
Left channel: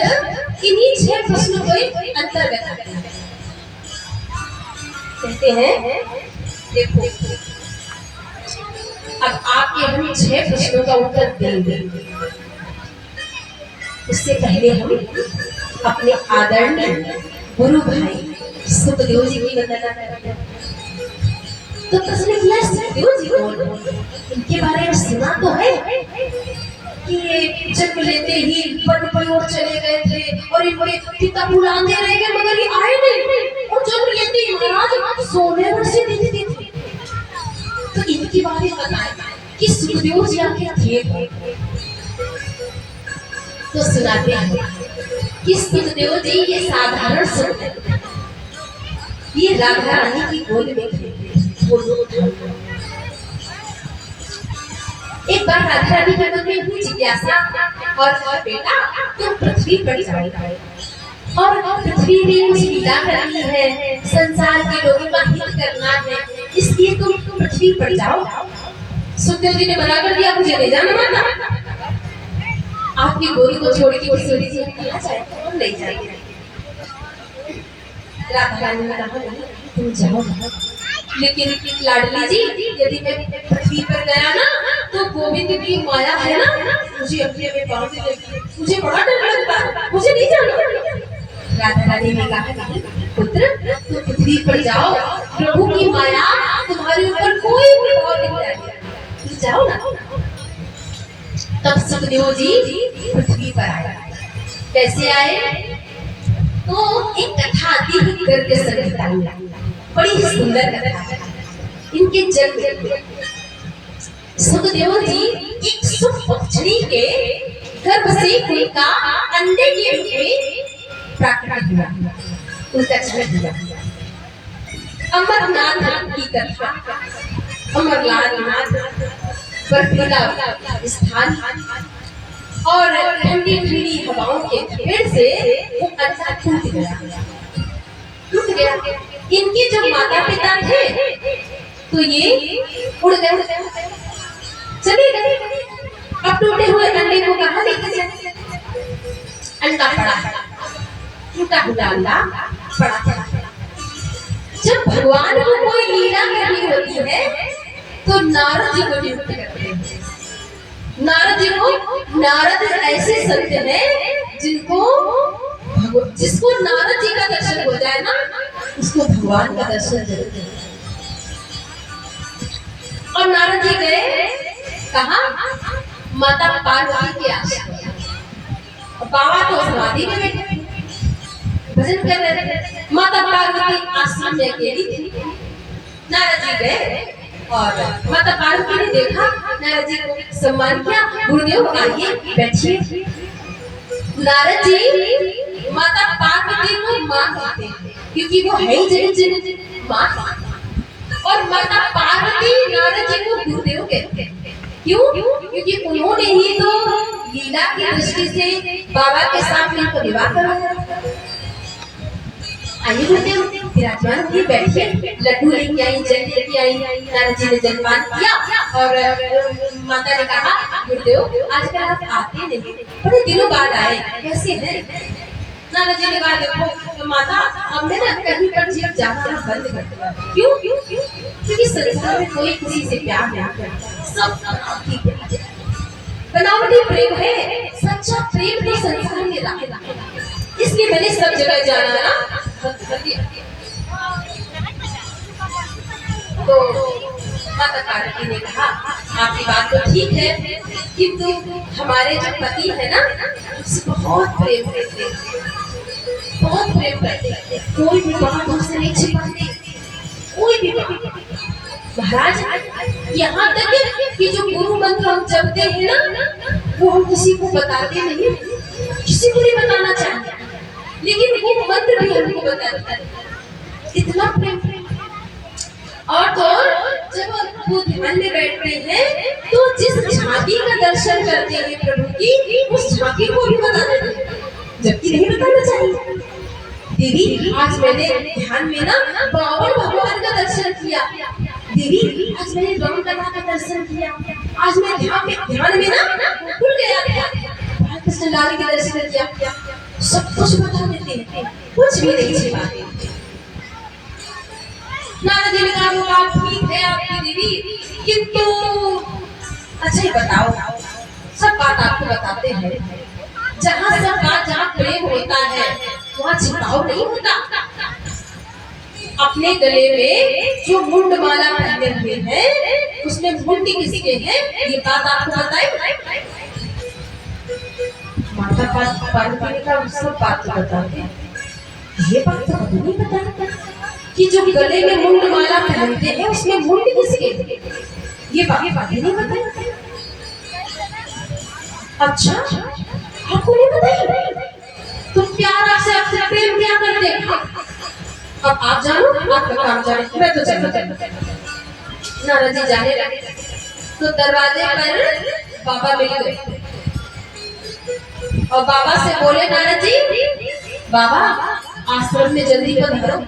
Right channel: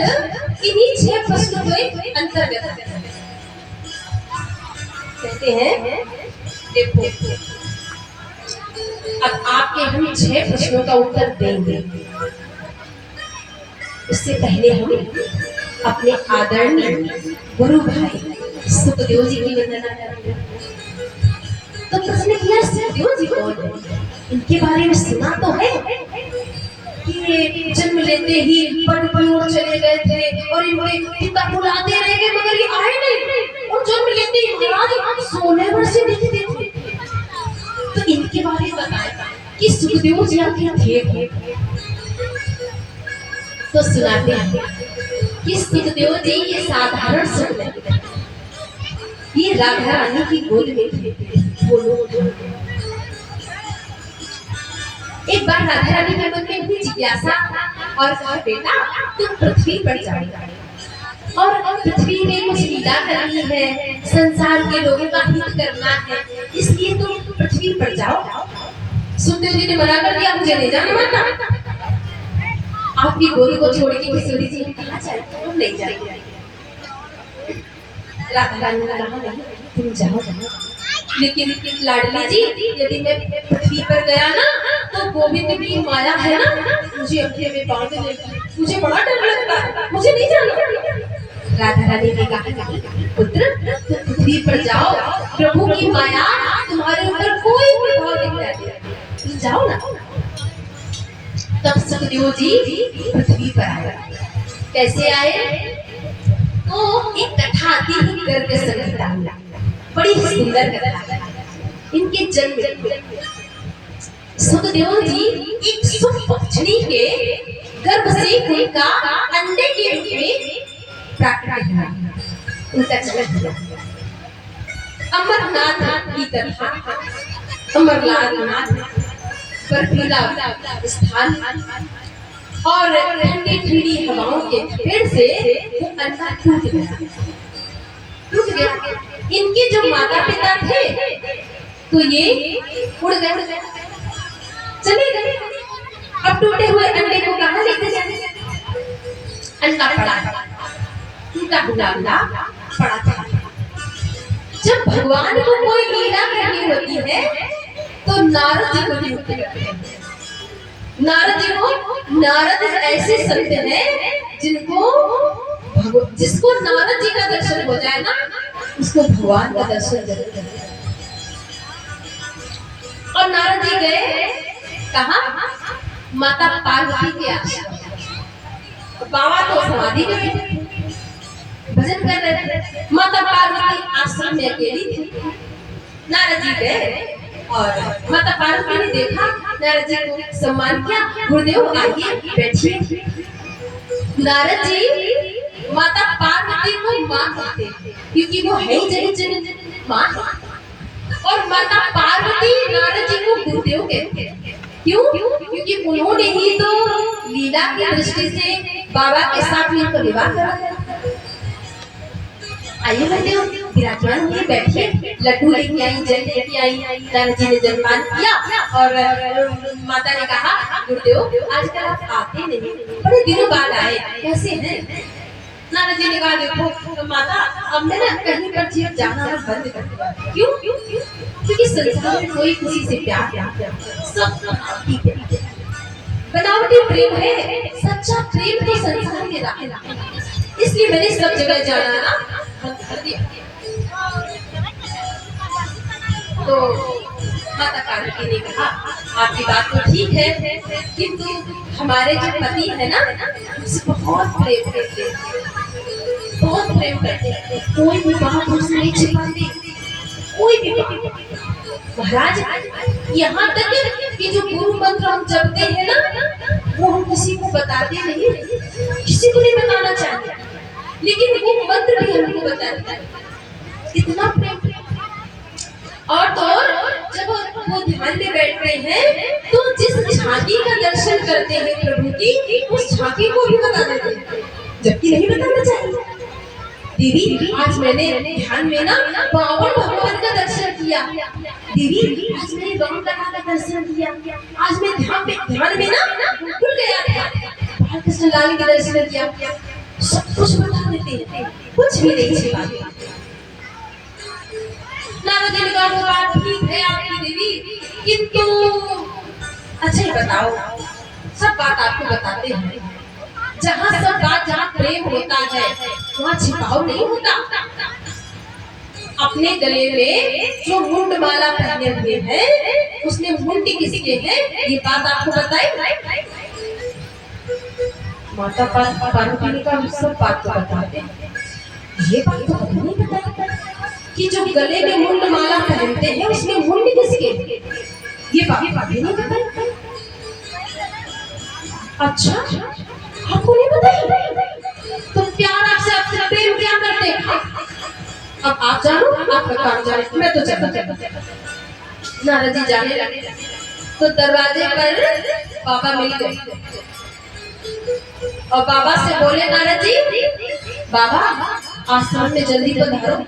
इन्हीं 6 प्रश्नों के अंतर्गत आते हैं। कहते हैं देखो, अब आपके हम 6 प्रश्नों का उत्तर देंगे, उससे पहले हम अपने आदरणीय गुरु भाई सुखदेव जी की वंदना करते हैं। तो प्रश्न किया, सुखदेव जी कौन है? इनके बारे में सुना तो है कि जन्म लेते ही वन की ओर चले गए थे और इनके पिता बुलाते रह गए, मगर ये आए नहीं, और जन्म लेते ही महाराज 16 वर्ष नहीं थे। तो इनके बारे में बताया कि सुखदेव जी आखिर थे। तो सुनाते हैं कि सुखदेव जी ये साधारण सुखदेव, ये राधा रानी की गोद में थे। एक बार राधा रानी के मन में हुई जिज्ञासा, और बेटा तुम पृथ्वी पर जाओ और पृथ्वी में कुछ लीला करनी है, संसार के लोगों का हित करना है, इसलिए तुम पृथ्वी पर जाओ। सुखदेव जी ने मना कर दिया, मुझे नहीं जाना माना, आपकी गोद को छोड़ के किशोरी जी कहाँ जाए, तुम नहीं जाइए। राधा रानी ने कहा नहीं तुम जाओ, लेकिन लाडली जी यदि मैं पृथ्वी पर गया ना तो गोविंद की माया है ना, मुझे अपने में बांध लेगी, मुझे बड़ा डर लगता है, मुझे नहीं जाना। राधा रानी ने कहा नहीं पुत्र, तुम पृथ्वी पर जाओ, प्रभु की माया तुम्हारे ऊपर कोई प्रभाव नहीं डालेगी, जाओ ना। तब सुखदेव जी पृथ्वी पर आए। कैसे आए? तो एक कथा आती है गर्ग संहिता, बड़ी सुंदर कथा। इनके जन्म सुखदेव जी एक सुपक्षिणी के गर्भ से उनका अंडे के रूप में प्राकट हुआ, उनका जन्म हुआ। अमरनाथ की कथा, अमरनाथ बर्फीला स्थान और ठंडी ठंडी हवाओं के फेर से वो अंडा टूट गया। इनके जब माता पिता थे तो ये उड़ गए, चले गए। अब टूटे हुए अंडे को कहाँ लेके जाए? अंडा पड़ा था, टूटा हुआ अंडा पड़ा था। जब भगवान को कोई लीला करनी होती है तो नारद जी को नियुक्त करते हैं। नारद जी को, नारद ऐसे संत हैं जिसको नारद जी का दर्शन हो जाए ना, उसको भगवान का दर्शन जरूर है। और नारद जी गए कहाँ? माता पार्वती के आश्रम। बाबा तो समाधि में बैठे भजन कर रहे थे, माता पार्वती आश्रम में अकेली थी। जी गए और माता पार्वती ने देखा, नारद जी को सम्मान किया। गुरुदेव आइए बैठिए। नारद जी माता पार्वती को मां कहते हैं क्योंकि वो है ही जगत जननी मां, और माता पार्वती नारद जी को गुरुदेव कहते हैं। क्यों? क्योंकि उन्होंने ही तो लीला की दृष्टि से बाबा के साथ मिलकर विवाह करवाया। आइए गुरुदेव विराजमान होकर बैठिए। लड्डू लेके आई, जल लेके आई। नारद जी ने जलपान किया और माता ने कहा, गुरुदेव आजकल आप आते नहीं, बड़े दिनों बाद आए, कैसे हैं? नारद जी ने कहा, देखो तो माता, हमने ना कहीं पर जीव जाना बंद कर दिया। क्यों? क्योंकि संसार में कोई किसी से प्यार नहीं, सब बनावटी प्रेम है, सच्चा प्रेम तो संसार में रहा। इसलिए मैंने सब जगह जाना ना बंद कर दिया। तो माता पार्वती ने कहा, आपकी बात तो ठीक है, किंतु हमारे जो पति है ना, उससे बहुत प्रेम करते, बहुत प्रेम करते, कोई भी बात हमसे नहीं छिपाते, कोई भी बात। महाराज, यहाँ तक कि जो गुरु मंत्र हम जपते हैं ना, वो हम किसी को बताते नहीं, किसी को नहीं बताना चाहिए, लेकिन वो मंत्र भी हमको बताते हैं। इतना प्रेम। और तो जब वो ध्यान में बैठते हैं तो जिस झांकी का दर्शन करते हैं प्रभु की, उस झांकी को भी बता देते हैं, जबकि नहीं बताना चाहिए। दीदी आज मैंने ध्यान में ना बावन भगवान का दर्शन किया। दीदी आज मैंने राम लला का दर्शन किया। आज मैं ध्यान में ना भूल गया था, कृष्ण लाल का दर्शन किया। सब कुछ बता देते हैं, कुछ भी नहीं छिपाते। नारद जी ने कहा, बात ठीक है आपकी दीदी, किंतु अच्छा ही बताओ, सब बात आपको बताते हैं। जहाँ सब बात, जहाँ प्रेम होता है वहाँ छिपाव नहीं होता। अपने गले में जो मुंड माला पहने हुए हैं, उसमें मुंडी किसके हैं, ये बात आपको बताई? माता पार्वती ने कहा, सब बात तो बताते, ये बात तो कभी नहीं बताते कि जो गले में मुंड माला पहनते हैं उसमें मुंड किसके, ये बात नहीं बताई। अच्छा, आपको नहीं बताई? तो प्यार से आपसे प्रेम क्या करते हैं? अब आप जानो, आपका काम जाने, मैं तो चलता। नारद जी जाने लगे तो दरवाजे पर बाबा मिल गए और बाबा से बोले, नारद जी, बाबा आश्रम में जल्दी पधारो,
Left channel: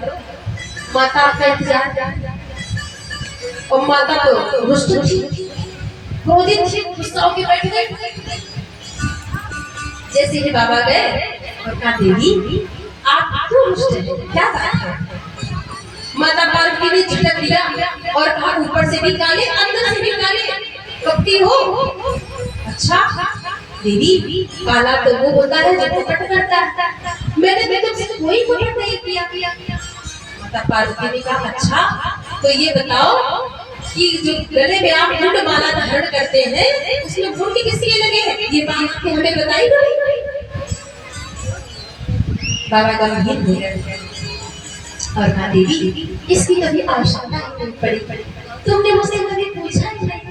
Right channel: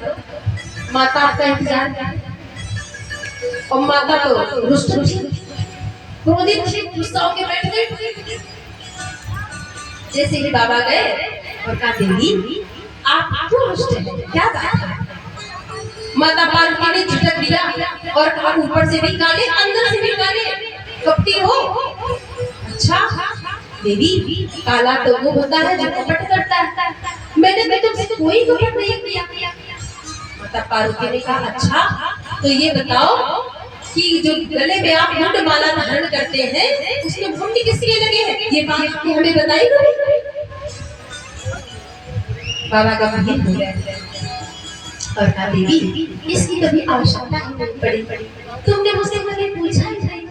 माता आपका इंतजार। और माता तो रुष्ट थी, क्रोधित थी, गुस्सा होकर बैठ गई। जैसे ही बाबा गए और कहा, देवी आप क्यों रुष्ट हैं, क्या बात है? माता पार्वती ने झटक दिया और कहा, ऊपर से भी काले, अंदर से भी काले, कपटी हो। अच्छा देवी, काला तो वो होता है जो कपट करता है, मैंने तुमसे कोई कपट नहीं किया। माता पार्वती ने कहा, अच्छा तो ये बताओ कि जो गले में आप मुंड माला धारण करते हैं उसमें मुंड किसके लगे हैं, ये बात के हमें बताई कभी? बाबा गंभीर हुए और कहा, देवी इसकी कभी आवश्यकता नहीं पड़ी, तुमने मुझसे कभी पूछा ही नहीं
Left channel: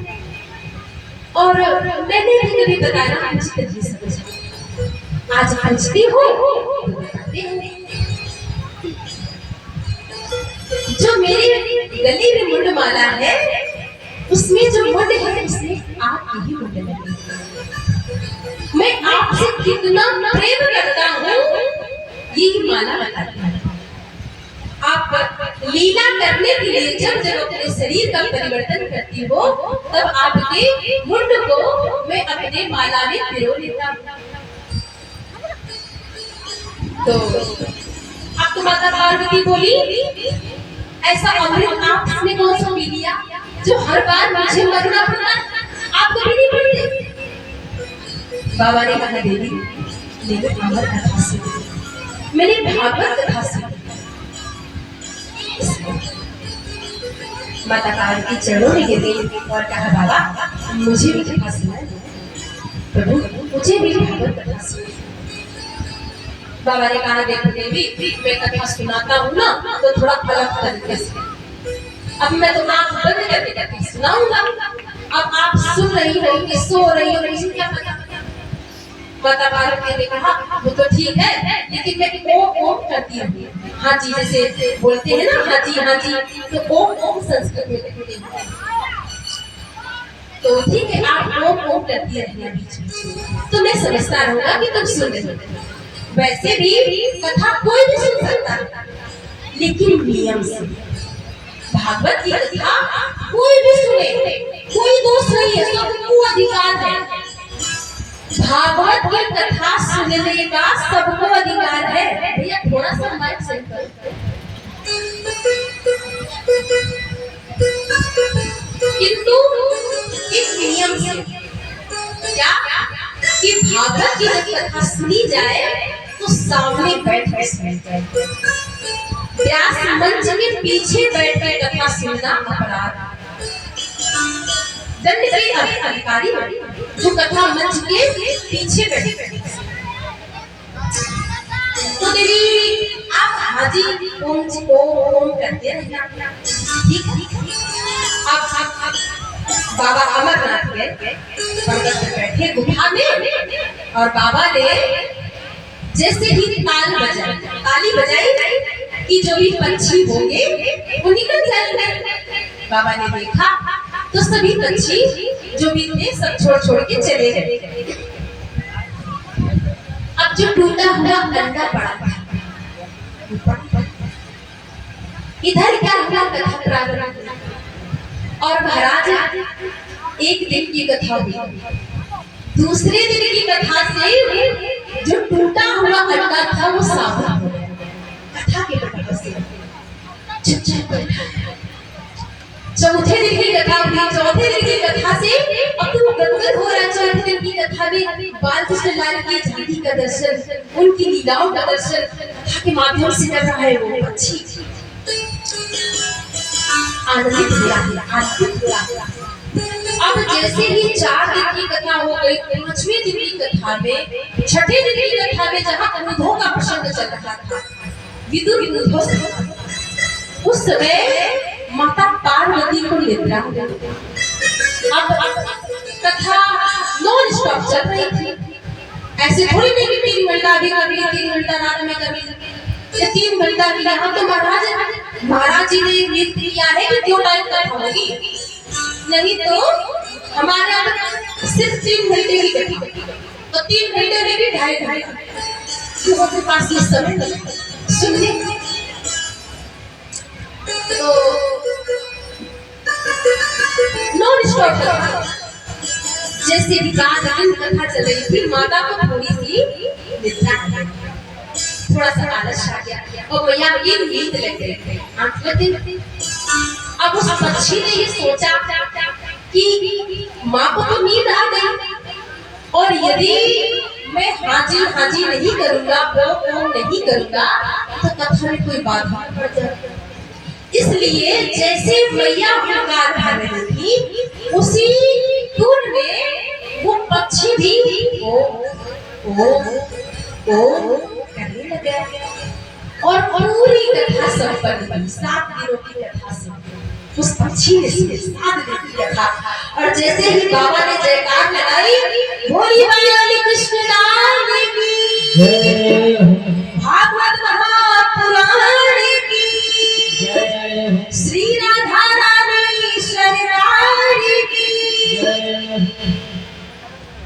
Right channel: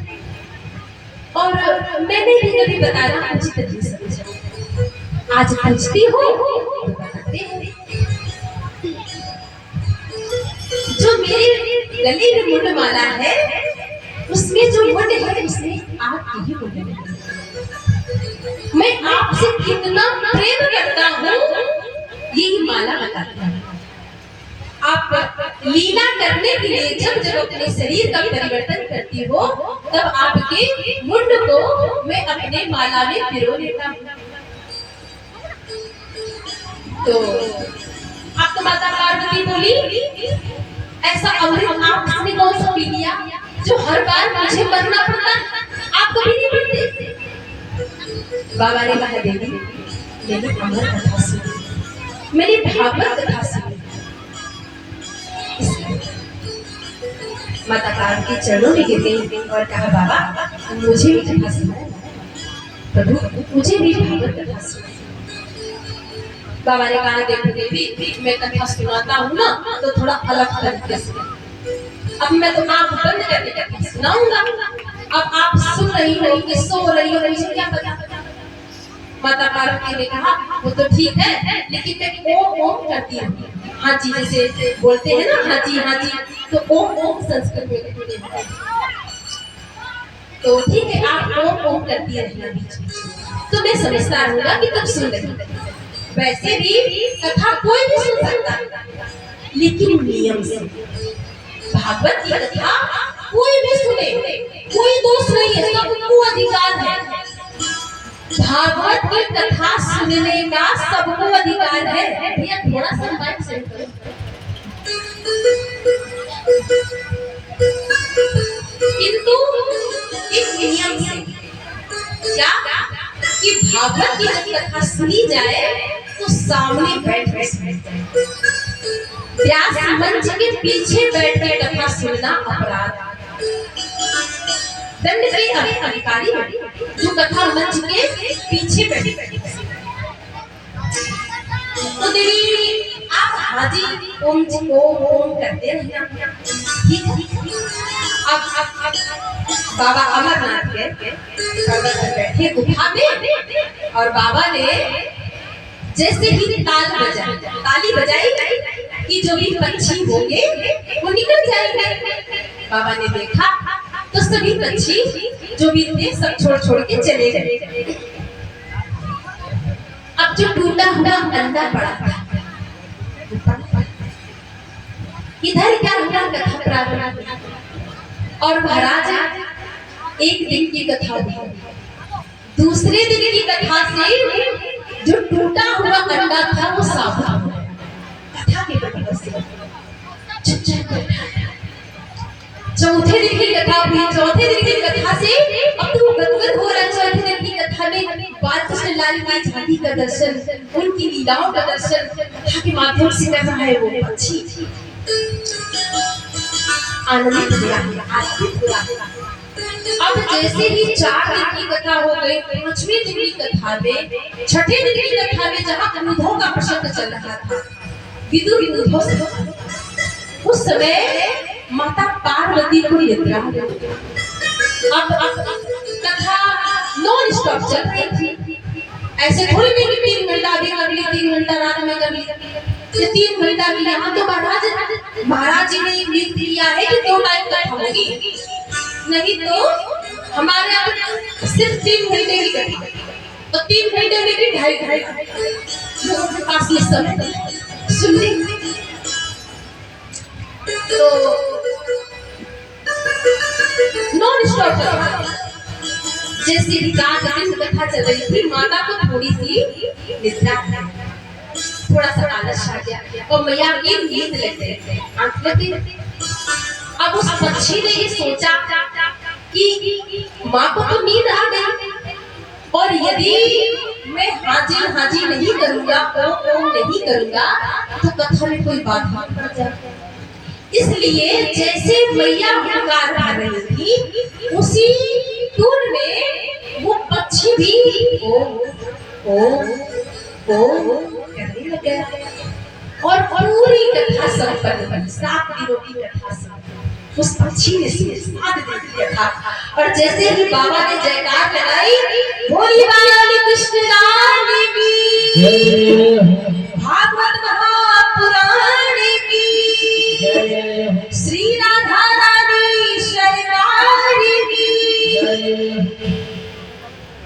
और मैंने भी कभी बताना उचित नहीं समझा। आज पूछती हो तो बताते हैं। जो मेरे गले में मुंड माला है उसमें जो मुंड है उसमें आपकी ही मुंड है। मैं आपसे कितना प्रेम करता हूँ यही माला बताती है। आप लीला करने के लिए जब अपने शरीर का परिवर्तन करती हो तब आपके मुंड को मैं अपने माला में पिरो लेता हूँ। तो आपको माता पार्वती बोली, ऐसा अमृत आपने कौन सा पी लिया जो हर बार मुझे मरना पड़ता, आपको भी नहीं पड़ते? बाबा ने कहा, देवी मेरी अमर कथा सुनी, मेरी भागवत कथा सुनी। माता पार्वती चरणों में गिरी और कहा, बाबा मुझे भी कथा सुनाए, प्रभु मुझे भी भागवत कथा सुनाए। बाबा ने कहा, देखो देवी मैं कथा सुनाता हूँ ना तो थोड़ा अलग तरीके से, अब मैं तो आंख बंद करके करके सुनाऊंगा। अब आप सुन रही हो कि सो रही हो, मुझे क्या पता। माता पार्वती ने कहा वो तो ठीक है, लेकिन मैं ओम ओम करती रहूंगी। हाँ जी, जैसे बोलते हैं ना हाँ जी हाँ जी, तो ओम ओम संस्कृत में कहते हैं। तो ठीक है, आप ओम ओम करती रहना बीच बीच, तो मैं समझता रहूंगा कि तुम सुन रही हो। वैसे भी कथा कोई भी सुन सकता है, लेकिन नियम से। भागवत की कथा कोई भी सुने, कोई दोष नहीं है, सबको अधिकार है। भागवत की कथा सुनने का सबको अधिकार है। भैया थोड़ा सा माइक सेट करो। किंतु एक नियम से, क्या कि भागवत की कथा सुनी जाए तो सामने बैठ कर सुनी जाए। व्यास मंच के पीछे बैठ कर कथा सुनना अपराध। दंड के अधिकारी जो कथा मंच के पीछे बैठे। तो देवी आप हाजी ओम ओम करते रहना, ठीक है। अब बाबा अमरनाथ है, पर्वत पर बैठे गुफा में, और बाबा ने जैसे ही ताली बजाई कि जो भी पंछी होंगे वो निकल जाएंगे। बाबा ने देखा तो सभी पंछी जो भी थे सब छोड़ के चले गए। अब जो टूटा हुआ अंडा पड़ा था, इधर क्या हुआ, कथा प्रारंभ। और महाराज एक दिन की कथा हुई, दूसरे दिन की कथा से जो टूटा हुआ अंडा था वो सावधान हो गया। कथा के बरकत से चुपचाप बैठा। चौथे दिन की कथा हुई, चौथे दिन की कथा से अब तो गदगद हो रहा। चौथे दिन की कथा में बाल कृष्ण लाल की झांकी का दर्शन, उनकी लीलाओं का दर्शन कथा के माध्यम से कर रहा है वो पक्षी। आनंदित हुआ, आनंदित हुआ। अब जैसे ही 4 दिन की कथा हो गई, 5वें दिन की कथा में, 6ठे दिन की कथा में जहाँ क्रोधों का प्रसंग चल रहा था, विदुर क्रोधों से, उस समय माता पार्वती को निद्रा। अब कथा नॉन स्टॉप चल रही थी। ऐसे थोड़ी नहीं कि 3 घंटा भी कर ली, 3 घंटा रात में कर ली, या 3 घंटा भी। यहाँ तो महाराज जी ने नियत किया है कि 2 टाइम कथा होगी, नहीं तो हमारा सिर्फ 3 घंटे की कथा। तो 3 घंटे में भी 2.5 घंटा लोगों के पास ये समय सुनने। तो नॉन स्टॉप जैसे भी 4 दिन कथा चल रही थी, माता को थोड़ी सी निद्रा, थोड़ा सा आलस आ गया और मैया की नींद लग गई, आंख लग गई। अब उस पक्षी ने ये सोचा कि माँ को तो नींद आ गई, और यदि मैं हाजी नहीं करूंगा, ओम नहीं करूंगा, तो कथा में कोई बाधा पड़ जाएगी। इसलिए जैसे मैया हुंकार भर रही थी, उसी टूर में वो पक्षी भी ओ करने लगा। और पूरी कथा संपन्न हुई। 7 दिनों की कथा संपन्न, उस पक्षी ने 7 दिन की कथा। और जैसे ही बाबा ने जयकार लगाई, बोली बाला कृष्ण राम की, भागवत महापुराण की, श्री राधा रामेश्वर की।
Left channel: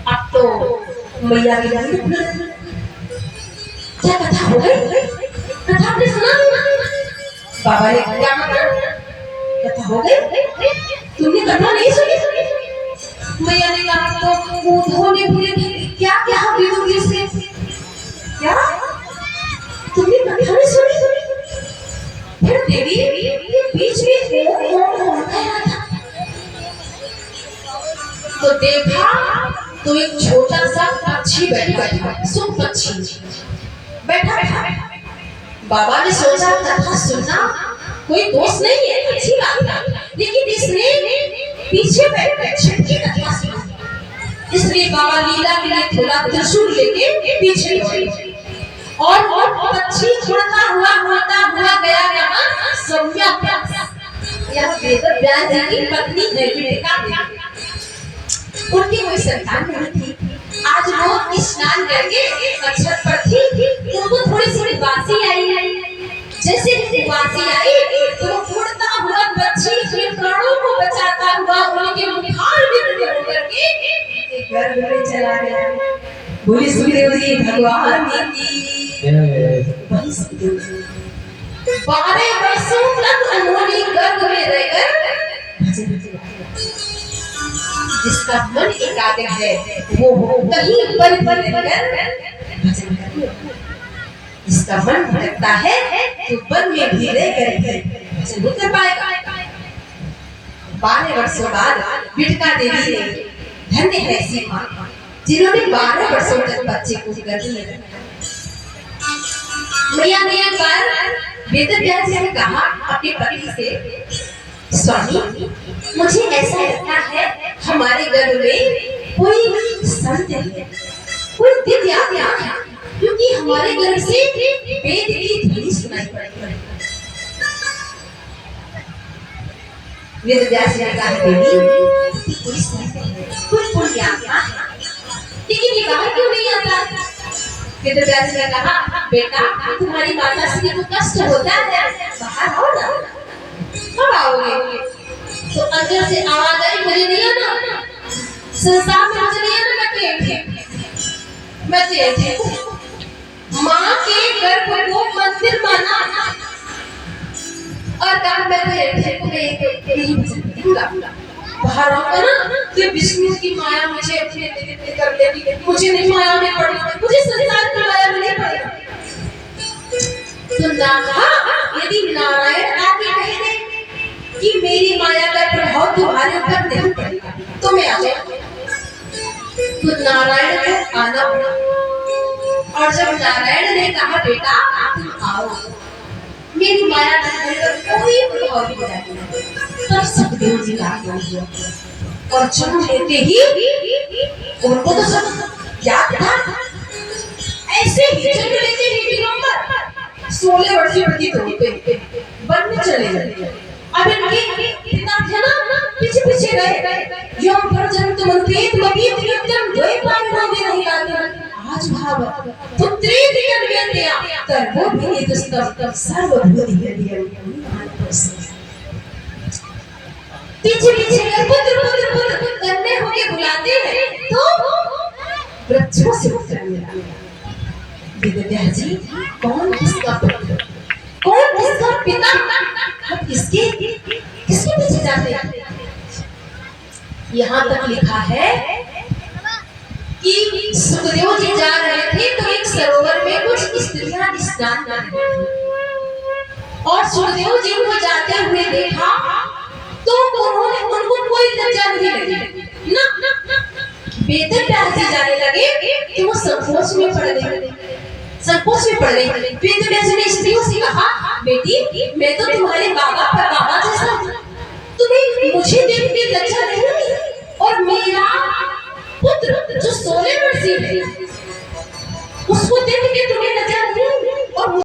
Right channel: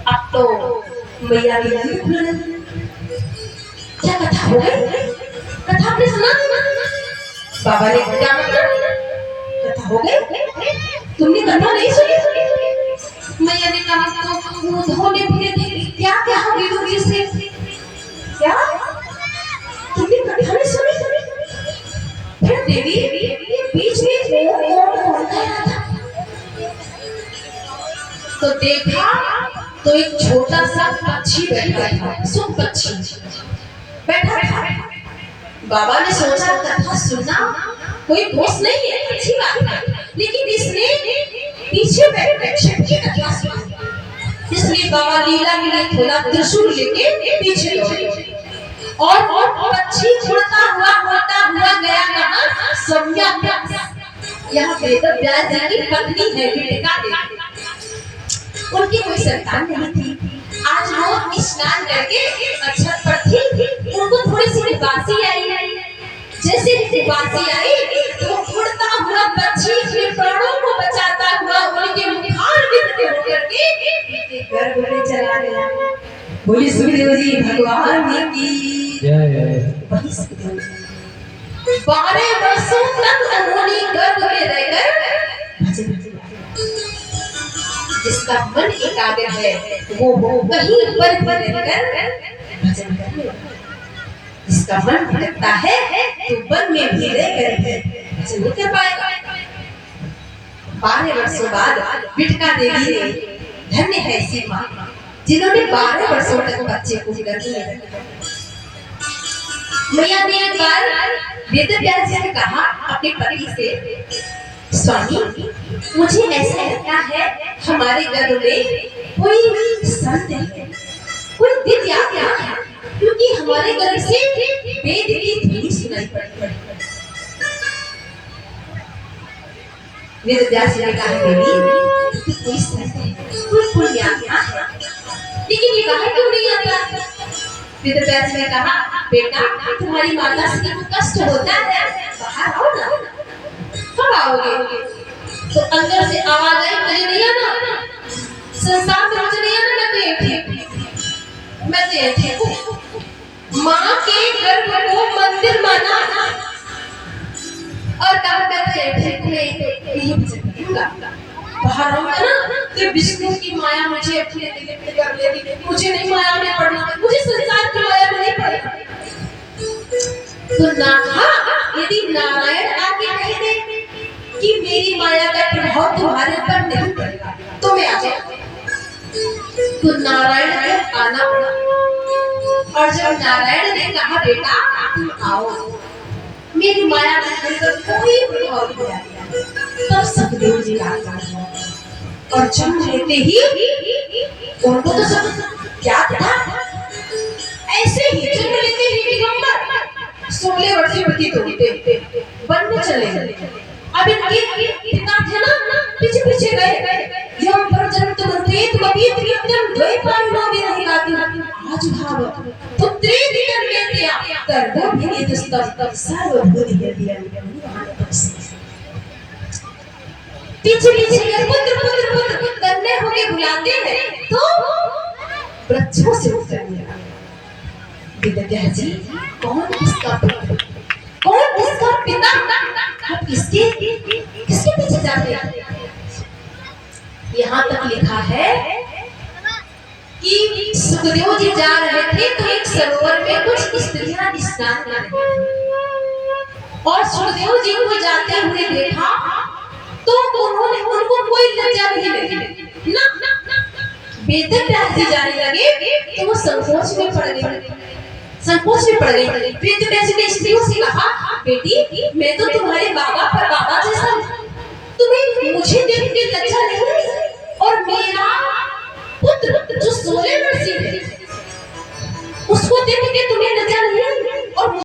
अब तो मैया की नींद खुल गई। क्या कथा हो गई? कथा आपने सुना? बाबा ने क्या मतलब? कथा हो गई? तुमने कथा नहीं सुनी? मैया ने कहा तो वो धोने फिरे क्या क्या विदुर जी से, क्या तुमने कथा नहीं सुनी? फिर देवी बीच में ओम कह रहा था, तो देखा तो एक छोटा सा पक्षी बैठा था, सुन पक्षी बैठा था। बाबा ने सोचा कथा सुनना कोई दोष नहीं है, अच्छी बात है, लेकिन इसने पीछे बैठ छटकी कथा सुनी। इसलिए बाबा लीला के लिए थोड़ा त्रिशूल लेके पीछे दौड़े, और पक्षी होता हुआ गया कहाँ? सम्यक यह वेद व्यास जी की पत्नी है बिटिका देवी। उनकी कोई संतान नहीं थी। आज वो स्नान करके अक्षत पर थी, उनको थोड़ी सी उबासी आई। जैसे ही उबासी आई तो उड़ता हुआ पक्षी फिर प्राणों को बचाता हुआ उनके मुखार में होकर के गर्भ में चला गया। बोली सुखदेव जी भगवान की वही सुखदेव जी 12 वर्षों तक उन्होंने गर्भ में रहकर भजन किया। जिसका मन एकाग्र है वो कहीं पर रहकर भजन करे। जिसका मन भटकता है तो वन में भी रहकर भजन नहीं कर पाएगा। 12 वर्षों बाद बिटिका देवी ने, धन्य है ऐसी मां जिन्होंने 12 वर्षों तक बच्चे को गर्भ में रखा। मैया ने एक बार वेद व्यास जी ने कहा अपने पति से, स्वामी मुझे ऐसा लगता है हमारे गर्भ में कोई संत है, कोई दिव्य आत्मा है, क्योंकि हमारे गर्भ से वेद की ध्वनि सुनाई पड़ती है। वेद व्यास जी ने कहा देवी कोई संत है, कोई पुण्य आत्मा है, लेकिन ये बाहर क्यों नहीं आता? वेद व्यास जी ने कहा बेटा तुम्हारी माता श्री को कष्ट होता है, बाहर आओ ना। कब आओगे? तो अंदर से आवाज आई मुझे नहीं आना, संसार में मुझे नहीं आना, मैं तो माँ के गर्भ को मंदिर माना और कहा मैं बाहर आऊंगा ना तो विष्णु की माया मुझे अपने दिल कर लेगी, मुझे नहीं माया में पड़ना, मुझे संसार की माया में नहीं पड़ना। तो यदि नारायण आके कह दे कि मेरी माया का प्रभाव तुम्हारे पर नहीं पड़ेगा तो मैं आ जाऊंगा। तो नारायण को आना पड़ा, और जब नारायण ने कहा बेटा तुम आओ, मेरी माया का कोई प्रभाव नहीं पड़ेगा, तब सुखदेव जी आ गए और जन्म लेते ही उनको तो सब क्या था, ऐसे ही जन्म लेते ही दिगंबर 16 वर्षीय व्यतीत होते वन में चले गए। अब इनके पिता थे ना पीछे पीछे गए, यम पर जन्म तुम प्रेत मबीत नित्यम द्वै पावनावे नहीं गाती आज भाव पुत्रे दिगन वेत्या कर्मो भिने दुस्तम सर्वभूति यदियम। पीछे पीछे गए, पुत्र पुत्र पुत्र करने होके बुलाते हैं तो वृक्षों से उत्तर मिला, वेद जी कौन किसका पुत्र, कौन किसका पिता, हम किसके किसके पीछे जाते हैं? यहाँ तक लिखा है कि सुखदेव जी जा रहे थे तो एक सरोवर में कुछ स्त्रियां स्नान कर रही थी और सुखदेव जी को जाते हुए देखा तो उन्होंने उनको कोई लज्जा नहीं लगी ना। वेद व्यास जी जाने लगे तो वो संकोच में पड़ गए, संकोच में पड़ गई। वेद व्यास जी ने स्त्रियों से कहा बेटी मैं तो तुम्हारे बाबा पर बाबा जैसा हूं, तुम्हें मुझे देख के लज्जा नहीं हुई, और मेरा पुत्र जो 16 वर्षीय है उसको देख के